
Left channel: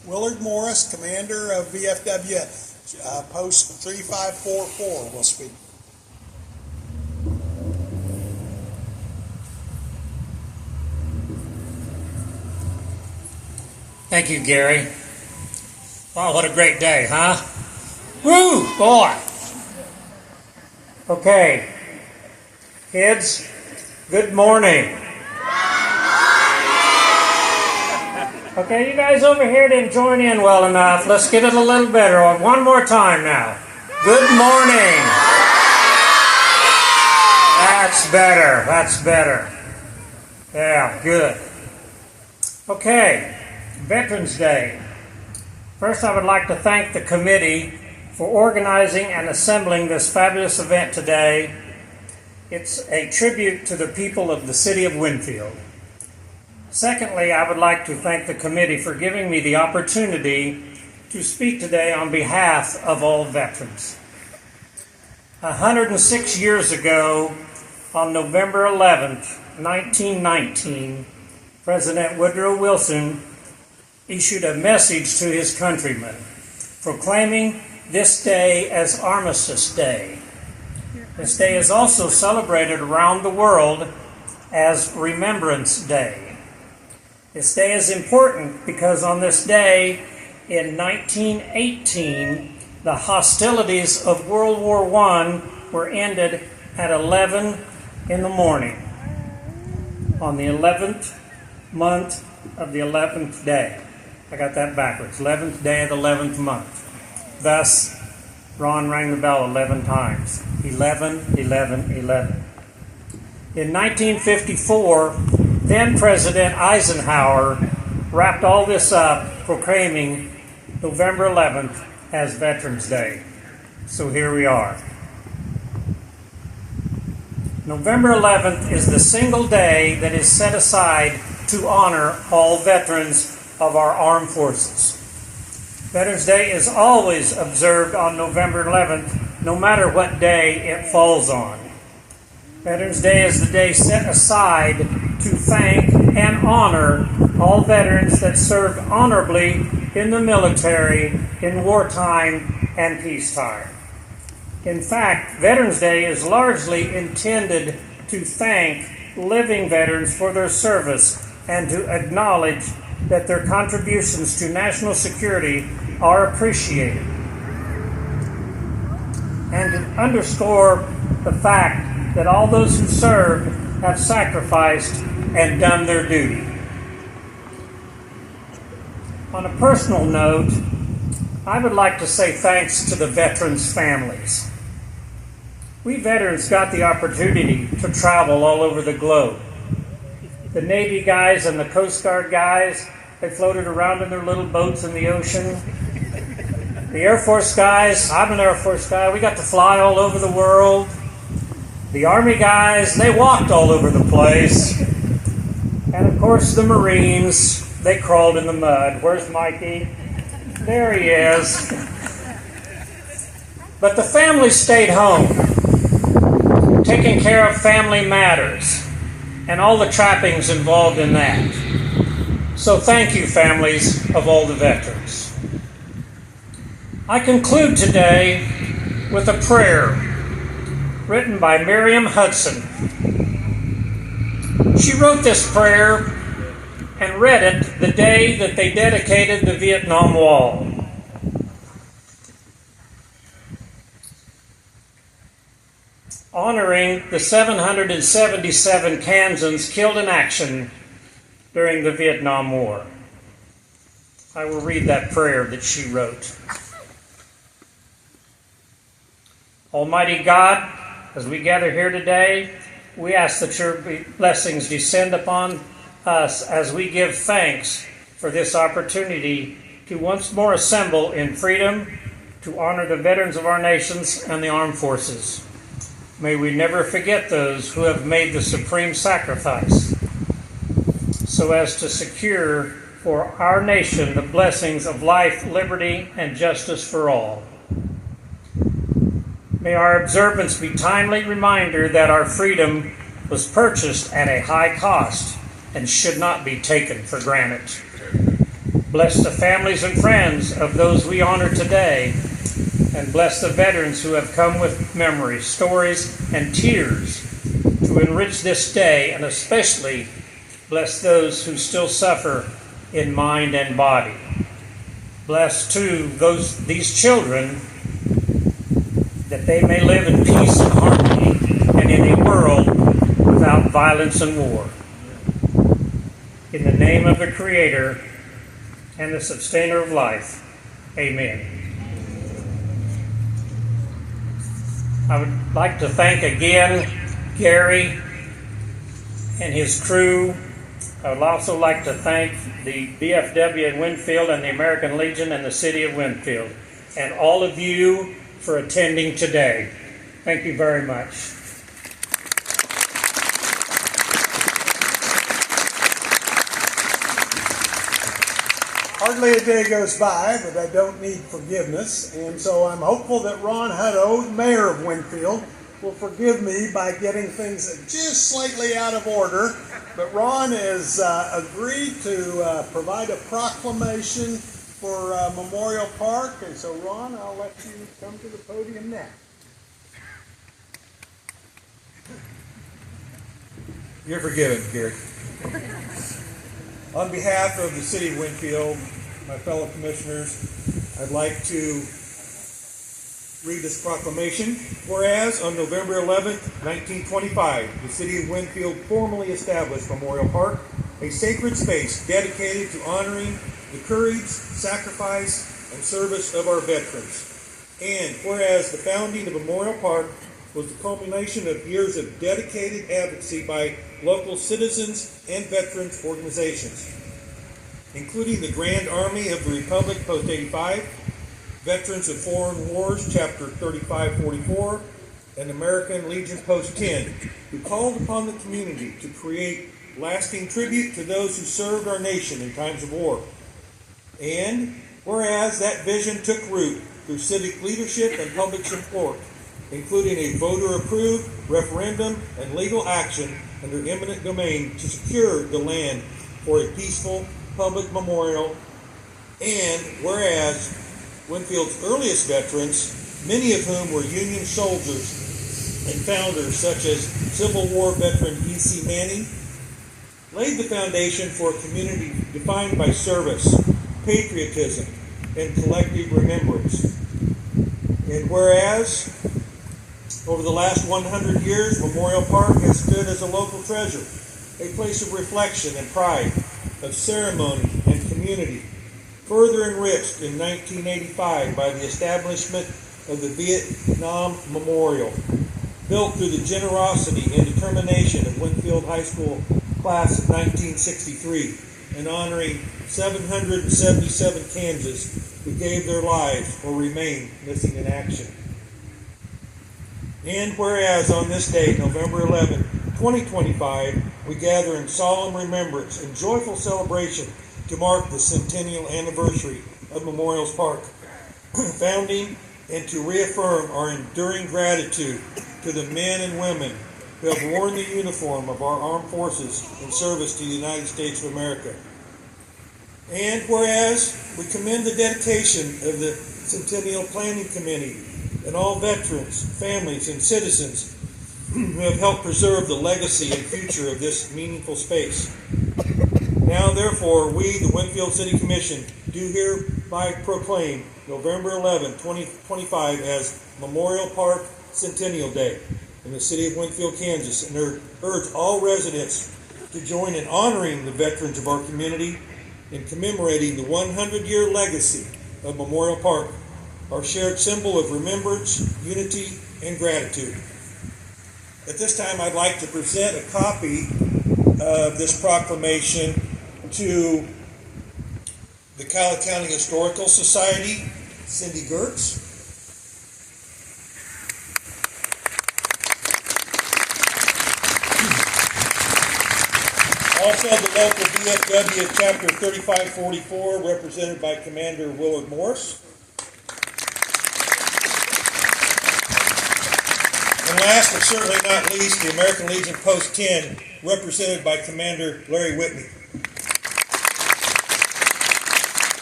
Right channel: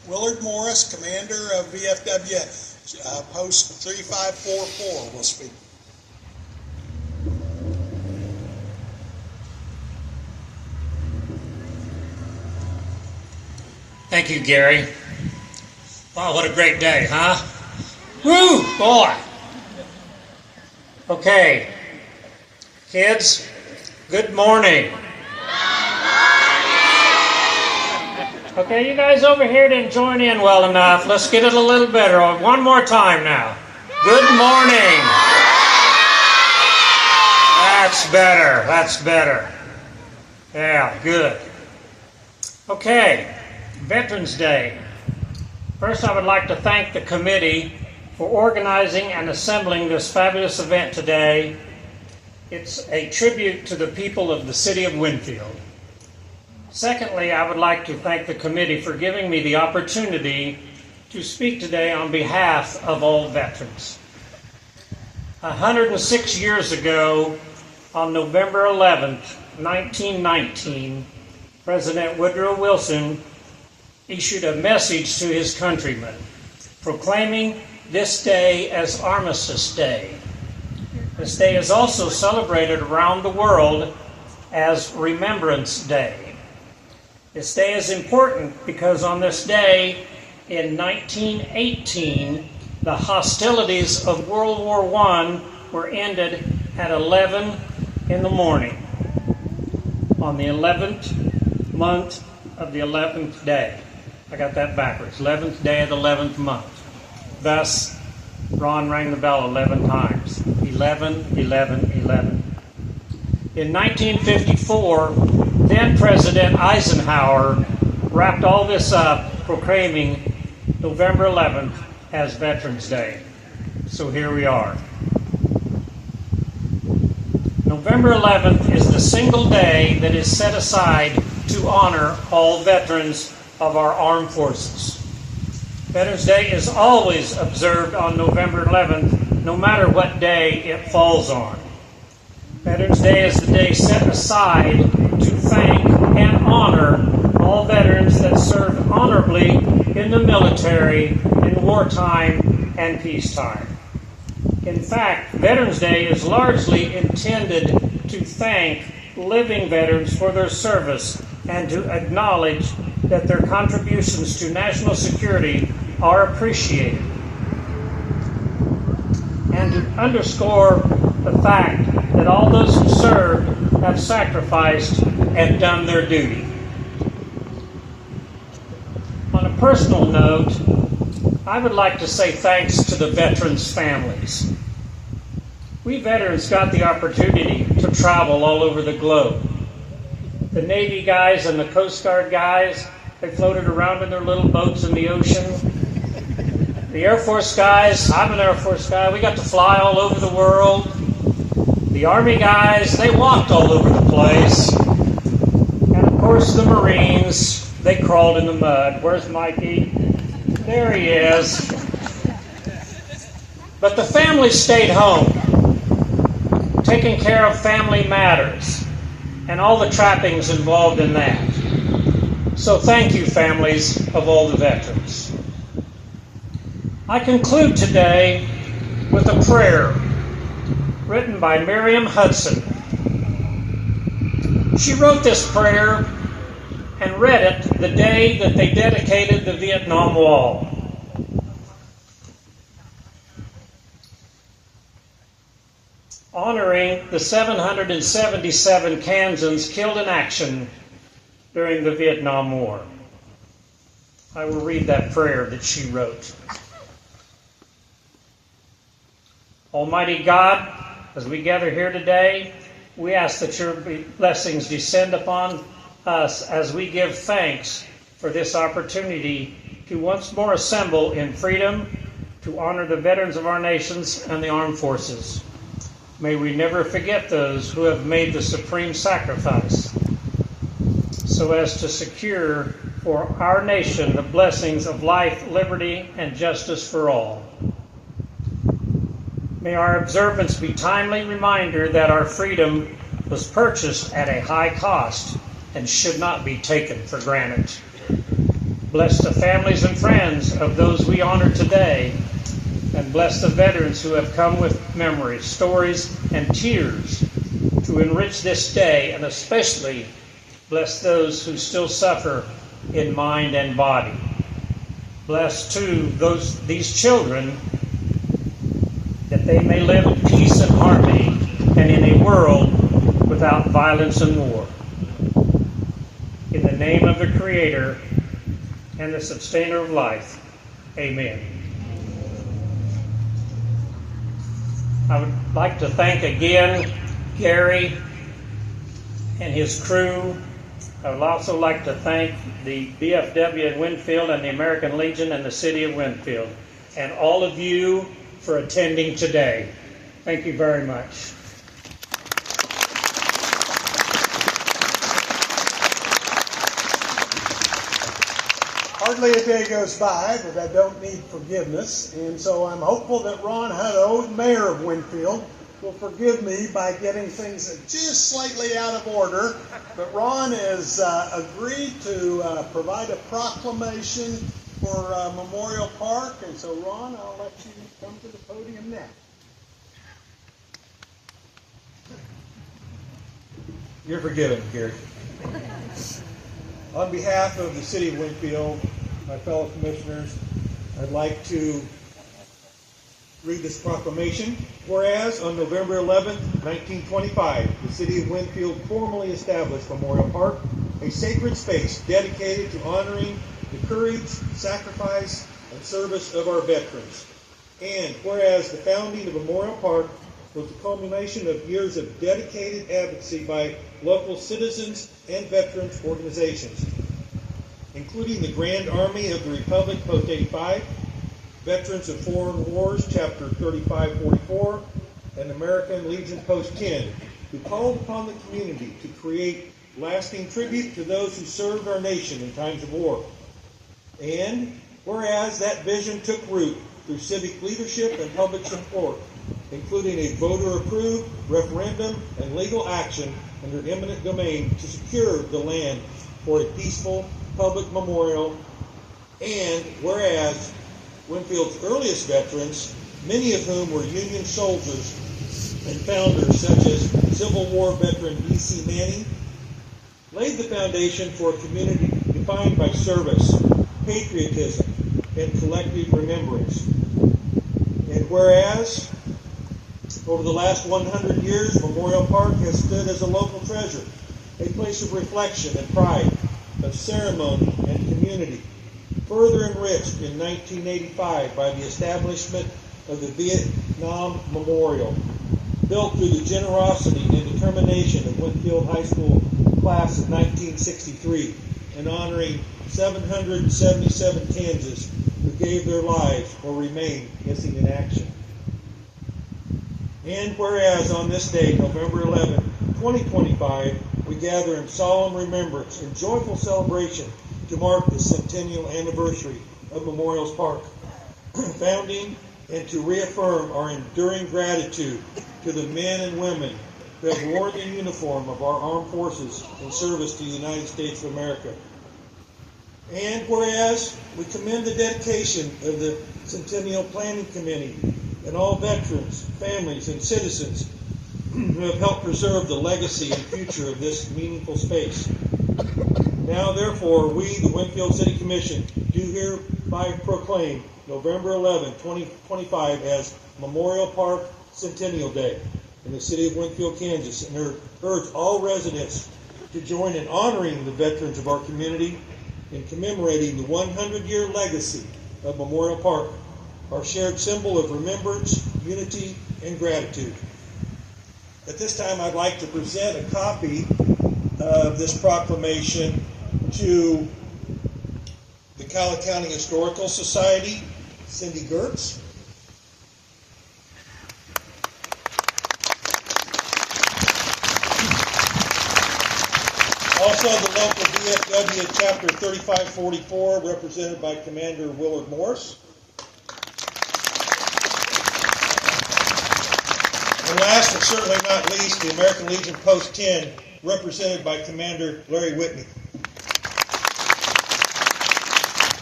Willard Morris, commander of VFW Post 3544, will speak. Thank you, Gary. Wow, what a great day, huh? Woo, boy. Okay, kids, good morning. Okay, you guys over here didn't join in well enough. Let's get it a little better. One more time now. Good morning. That's better. That's better. Yeah, good. Okay, Veterans Day. First, I would like to thank the committee for organizing and assembling this fabulous event today. It's a tribute to the people of the city of Winfield. Secondly, I would like to thank the committee for giving me the opportunity to speak today on behalf of all veterans. 106 years ago, on November 11th, 1919, President Woodrow Wilson issued a message to his countrymen, proclaiming this day as Armistice Day. This day is also celebrated around the world as Remembrance Day. This day is important because on this day in 1918, the hostilities of World War I were ended at 11 in the morning, on the 11th month of the 11th day. I got that backwards. 11th day of the 11th month. Thus, Ron rang the bell 11 times. 11, 11, 11. In 1954, then President Eisenhower wrapped all this up, proclaiming November 11th as Veterans Day. So here we are. November 11th is the single day that is set aside to honor all veterans of our armed forces. Veterans Day is always observed on November 11th, no matter what day it falls on. Veterans Day is the day set aside to thank and honor all veterans that served honorably in the military in wartime and peacetime. In fact, Veterans Day is largely intended to thank living veterans for their service and to acknowledge that their contributions to national security are appreciated, and to underscore the fact that all those who served have sacrificed and done their duty. On a personal note, I would like to say thanks to the veterans' families. We veterans got the opportunity to travel all over the globe. The Navy guys and the Coast Guard guys, they floated around in their little boats in the ocean. The Air Force guys, I'm an Air Force guy, we got to fly all over the world. The Army guys, they walked all over the place. And of course the Marines, they crawled in the mud. Where's Mikey? There he is. But the family stayed home, taking care of family matters and all the trappings involved in that. So thank you, families of all the veterans. I conclude today with a prayer written by Miriam Hudson. She wrote this prayer and read it the day that they dedicated the Vietnam Wall. Honoring the 777 Kansans killed in action during the Vietnam War. I will read that prayer that she wrote. Almighty God, as we gather here today, we ask that your blessings descend upon us as we give thanks for this opportunity to once more assemble in freedom to honor the veterans of our nations and the armed forces. May we never forget those who have made the supreme sacrifice so as to secure for our nation the blessings of life, liberty, and justice for all. May our observance be timely reminder that our freedom was purchased at a high cost and should not be taken for granted. Bless the families and friends of those we honor today, and bless the veterans who have come with memories, stories, and tears to enrich this day, and especially bless those who still suffer in mind and body. Bless, too, these children, that they may live in peace and harmony and in a world without violence and war. In the name of the Creator and the Sustainer of life, amen. I would like to thank again Gary and his crew. I would also like to thank the BFW in Winfield and the American Legion and the City of Winfield, and all of you for attending today. Thank you very much. Hardly a day goes by that I don't need forgiveness, and so I'm hopeful that Ron Hutto, Mayor of Winfield, will forgive me by getting things just slightly out of order. But Ron has agreed to provide a proclamation for Memorial Park, and so Ron, I'll let you come to the podium now. You're forgiven, Gary. On behalf of the City of Winfield, my fellow commissioners, I'd like to read this proclamation. Whereas on November 11th, 1925, the City of Winfield formally established Memorial Park, a sacred space dedicated to honoring the courage, sacrifice, and service of our veterans. And whereas the founding of Memorial Park was the culmination of years of dedicated advocacy by local citizens and veterans organizations, including the Grand Army of the Republic Post 85, Veterans of Foreign Wars Chapter 3544, and American Legion Post 10, who called upon the community to create lasting tribute to those who served our nation in times of war. And whereas that vision took root through civic leadership and public support, including a voter-approved referendum and legal action under eminent domain to secure the land for a peaceful public memorial. And whereas Winfield's earliest veterans, many of whom were Union soldiers and founders such as Civil War veteran E.C. Manning, laid the foundation for a community defined by service, patriotism, and collective remembrance. And whereas over the last 100 years, Memorial Park has stood as a local treasure, a place of reflection and pride, of ceremony and community, further enriched in 1985 by the establishment of the Vietnam Memorial, built through the generosity and determination of Winfield High School class of 1963, and honoring 777 Kansas who gave their lives or remain missing in action. And whereas on this day, November 11, 2025, we gather in solemn remembrance and joyful celebration to mark the centennial anniversary of Memorial Park founding, and to reaffirm our enduring gratitude to the men and women who have worn the uniform of our armed forces in service to the United States of America. And whereas we commend the dedication of the Centennial Planning Committee and all veterans, families, and citizens who have helped preserve the legacy and future of this meaningful space. Now, therefore, we, the Winfield City Commission, do hereby proclaim November 11, 2025 as Memorial Park Centennial Day in the city of Winfield, Kansas, and urge all residents to join in honoring the veterans of our community and commemorating the 100-year legacy of Memorial Park, our shared symbol of remembrance, unity, and gratitude. At this time, I'd like to present a copy of this proclamation to the Cowley County Historical Society, Cindy Gertz. Also, the local BFW Chapter 3544, represented by Commander Willard Morse. And last but certainly not least, the American Legion Post 10, represented by Commander Larry Whitney.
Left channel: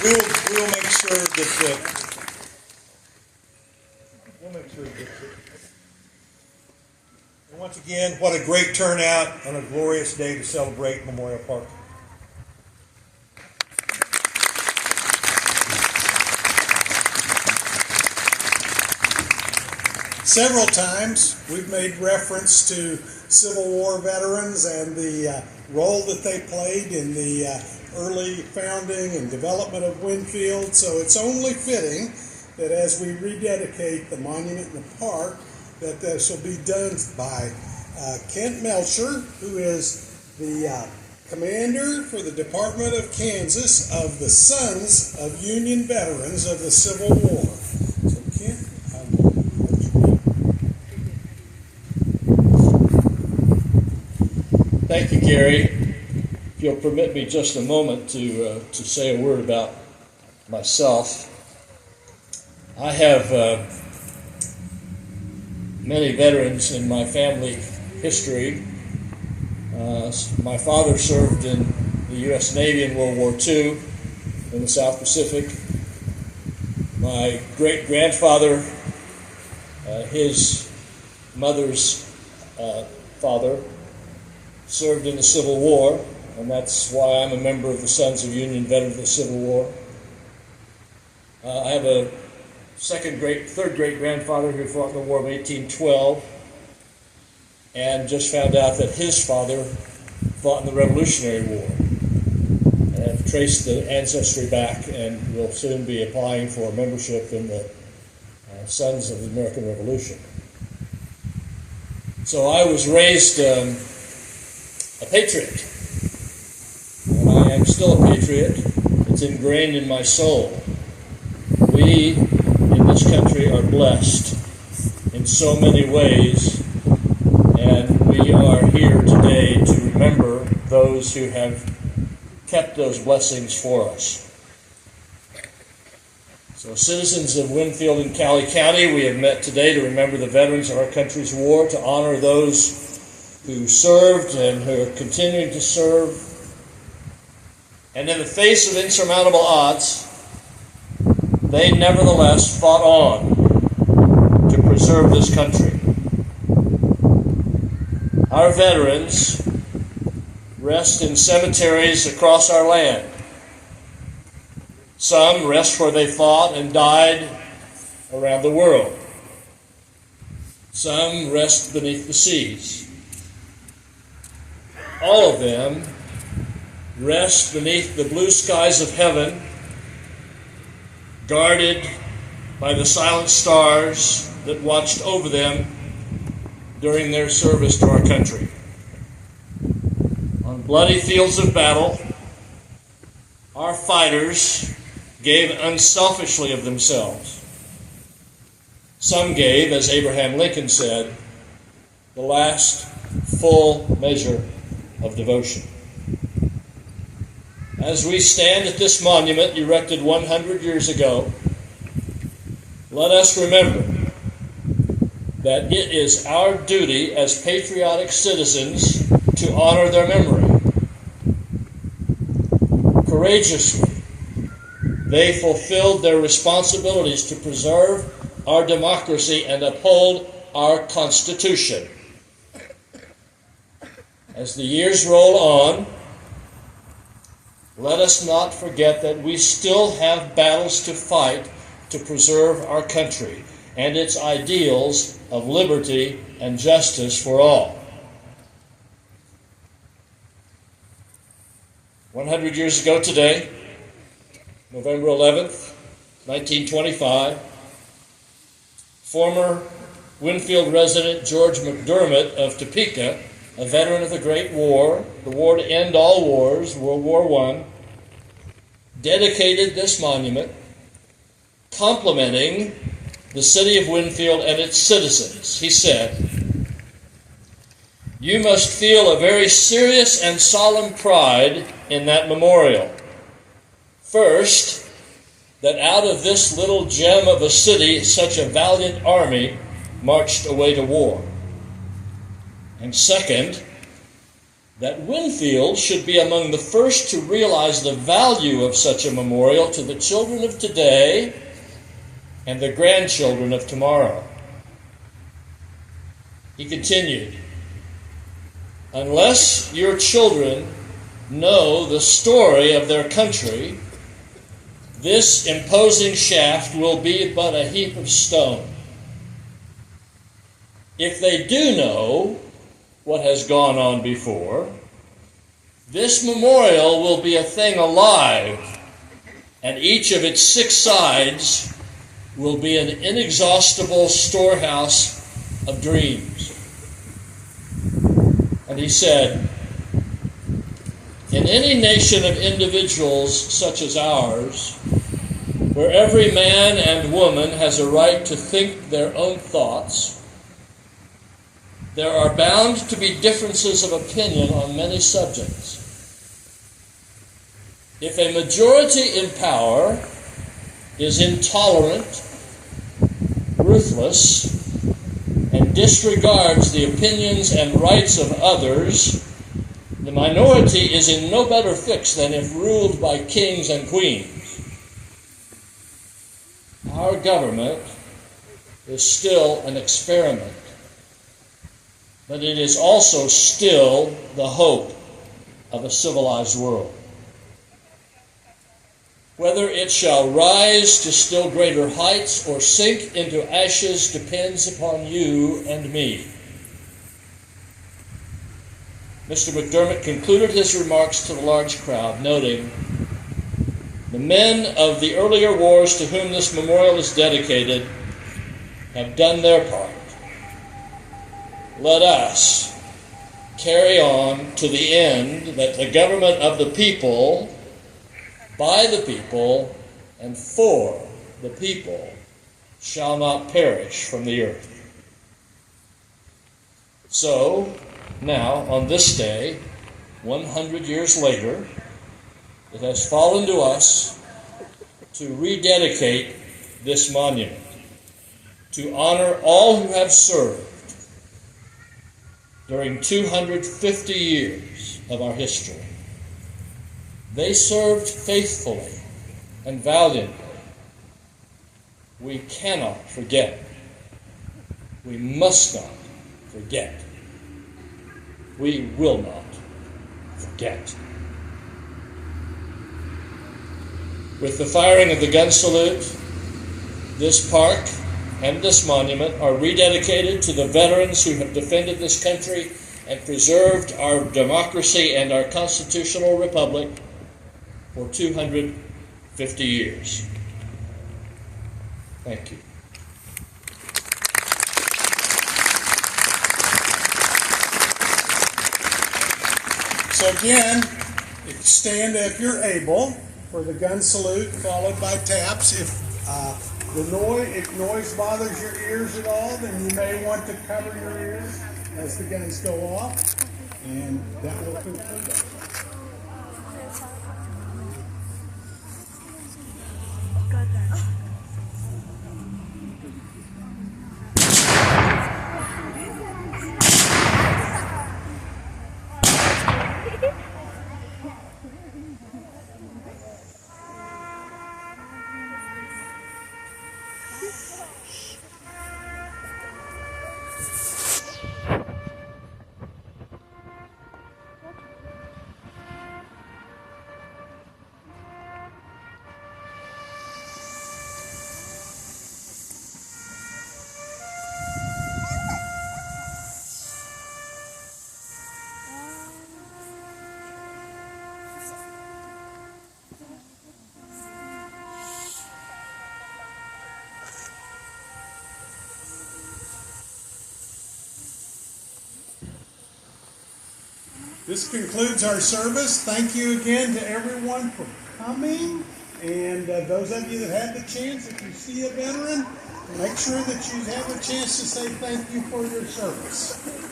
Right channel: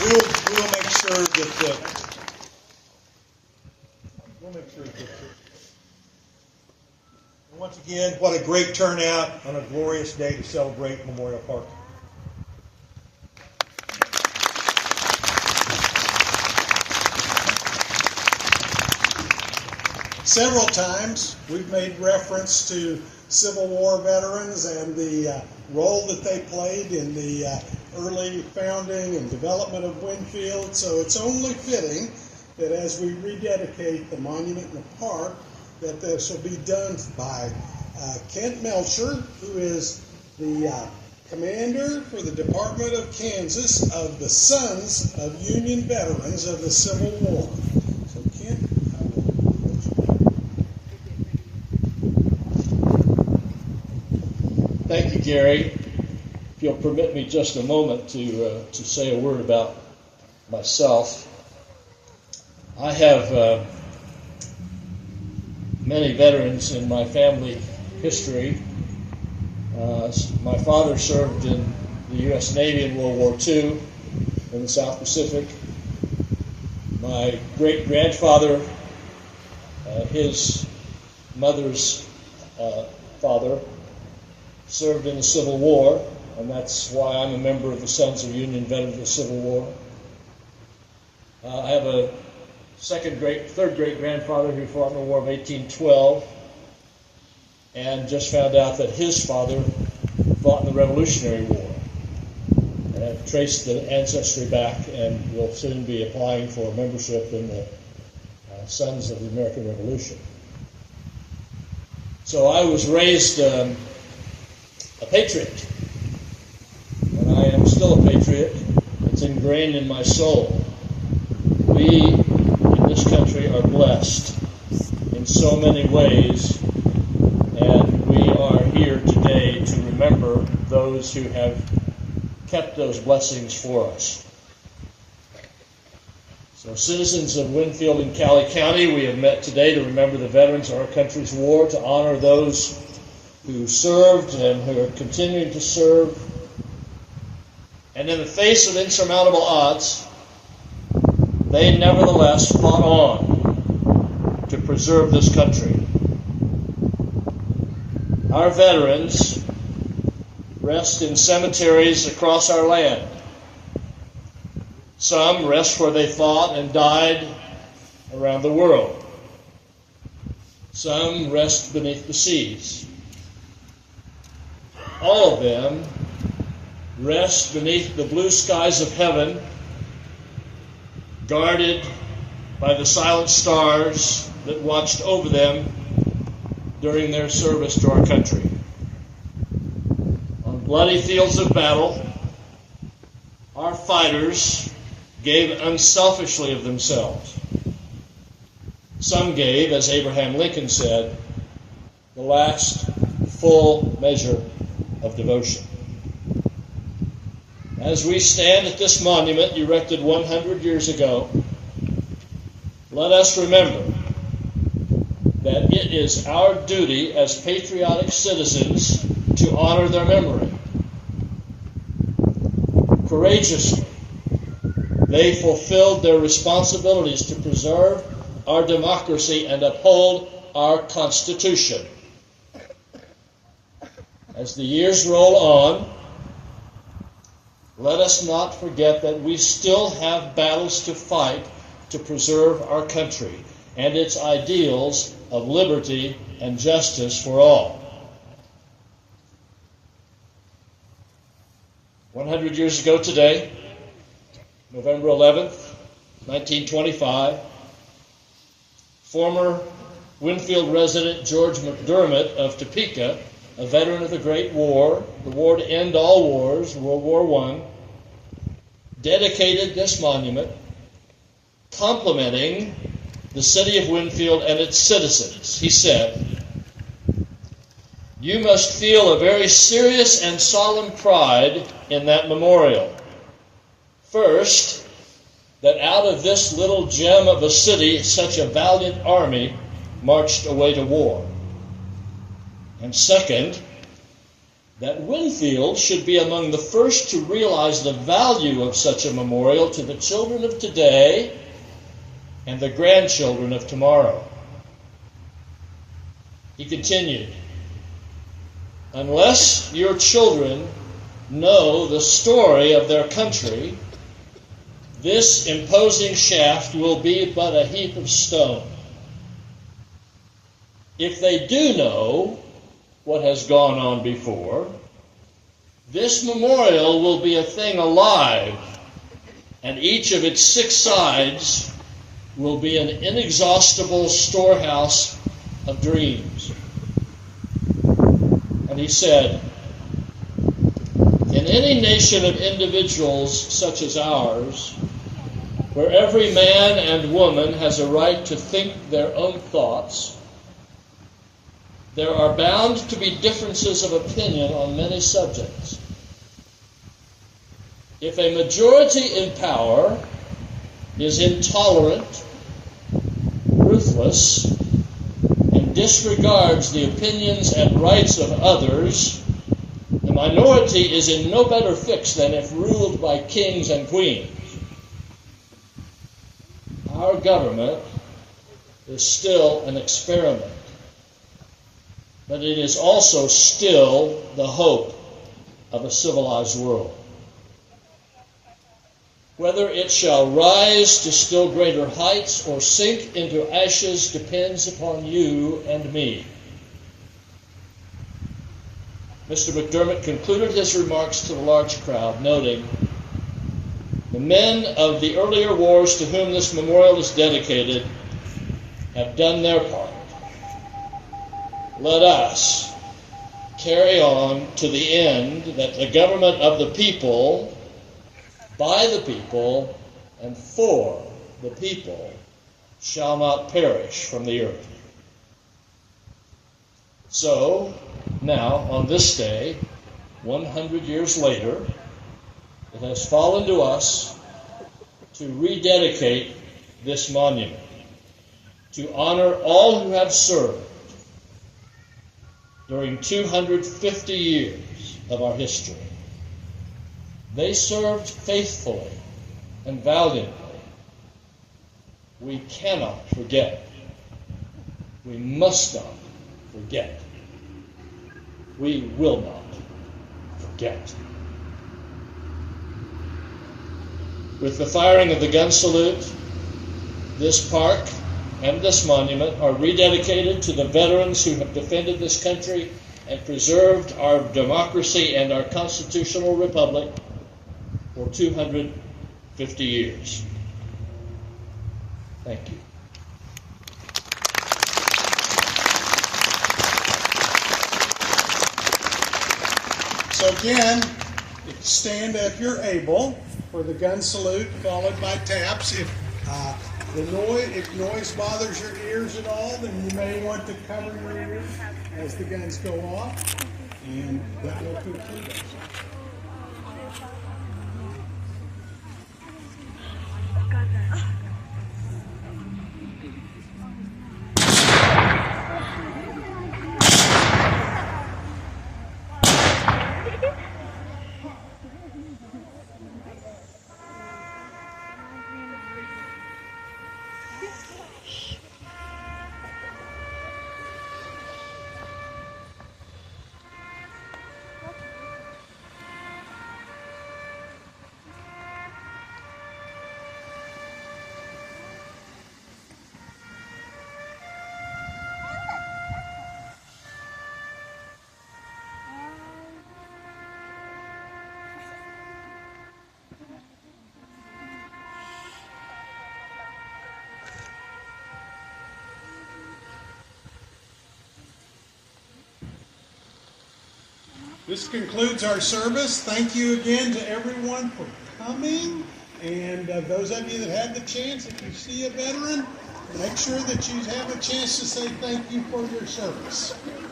we'll make sure that once again, what a great turnout and a glorious day to celebrate Memorial Park. Several times we've made reference to Civil War veterans and the role that they played in the early founding and development of Winfield, so it's only fitting that as we rededicate the monument in the park, that this will be done by Kent Melcher, who is the commander for the Department of Kansas of the Sons of Union Veterans of the Civil War. So Kent, Thank you, Gary. If you'll permit me just a moment to say a word about myself. I have many veterans in my family history. My father served in the U.S. Navy in World War II in the South Pacific. My great-grandfather, his mother's father, served in the Civil War, and that's why I'm a member of the Sons of Union Veterans of the Civil War. I have a third great-grandfather who fought in the War of 1812, and just found out that his father fought in the Revolutionary War. And I've traced the ancestry back and will soon be applying for membership in the Sons of the American Revolution. So I was raised a patriot. And I am still a patriot. It's ingrained in my soul. We in this country are blessed in so many ways, and we are here today to remember those who have kept those blessings for us. So, citizens of Winfield and Cowley County, we have met today to remember the veterans of our country's war, to honor those who served and who are continuing to serve. And in the face of insurmountable odds, they nevertheless fought on to preserve this country. Our veterans rest in cemeteries across our land. Some rest where they fought and died around the world. Some rest beneath the seas. All of them rest beneath the blue skies of heaven, guarded by the silent stars that watched over them during their service to our country. On bloody fields of battle, our fighters gave unselfishly of themselves. Some gave, as Abraham Lincoln said, the last full measure of devotion. As we stand at this monument erected 100 years ago, let us remember that it is our duty as patriotic citizens to honor their memory. Courageously, they fulfilled their responsibilities to preserve our democracy and uphold our Constitution. As the years roll on, let us not forget that we still have battles to fight to preserve our country and its ideals of liberty and justice for all. 100 years ago today, November 11th, 1925, former Winfield resident George McDermott of Topeka, a veteran of the Great War, the war to end all wars, World War I, dedicated this monument complimenting the city of Winfield and its citizens. He said, "You must feel a very serious and solemn pride in that memorial. First, that out of this little gem of a city, such a valiant army marched away to war. And second, that Winfield should be among the first to realize the value of such a memorial to the children of today and the grandchildren of tomorrow. He continued, unless your children know the story of their country, this imposing shaft will be but a heap of stone. If they do know what has gone on before, this memorial will be a thing alive, and each of its 6 sides will be an inexhaustible storehouse of dreams. And he said, in any nation of individuals such as ours, where every man and woman has a right to think their own thoughts, there are bound to be differences of opinion on many subjects. If a majority in power is intolerant, ruthless, and disregards the opinions and rights of others, the minority is in no better fix than if ruled by kings and queens. Our government is still an experiment, but it is also still the hope of a civilized world. Whether it shall rise to still greater heights or sink into ashes depends upon you and me. Mr. McDermott concluded his remarks to the large crowd, noting, the men of the earlier wars to whom this memorial is dedicated have done their part. Let us carry on to the end that the government of the people, by the people, and for the people shall not perish from the earth. So, now, on this day, 100 years later, it has fallen to us to rededicate this monument, to honor all who have served during 250 years of our history. They served faithfully and valiantly. We cannot forget. We must not forget. We will not forget. With the firing of the gun salute, this park and this monument are rededicated to the veterans who have defended this country and preserved our democracy and our constitutional republic for 250 years. Thank you. So again, stand if you're able for the gun salute, followed by taps. If noise bothers your ears at all, then you may want to cover your ears as the guns go off, and that will conclude it. This concludes our service. Thank you again to everyone for coming. And those of you that had the chance, if you see a veteran, make sure that you have a chance to say thank you for your service.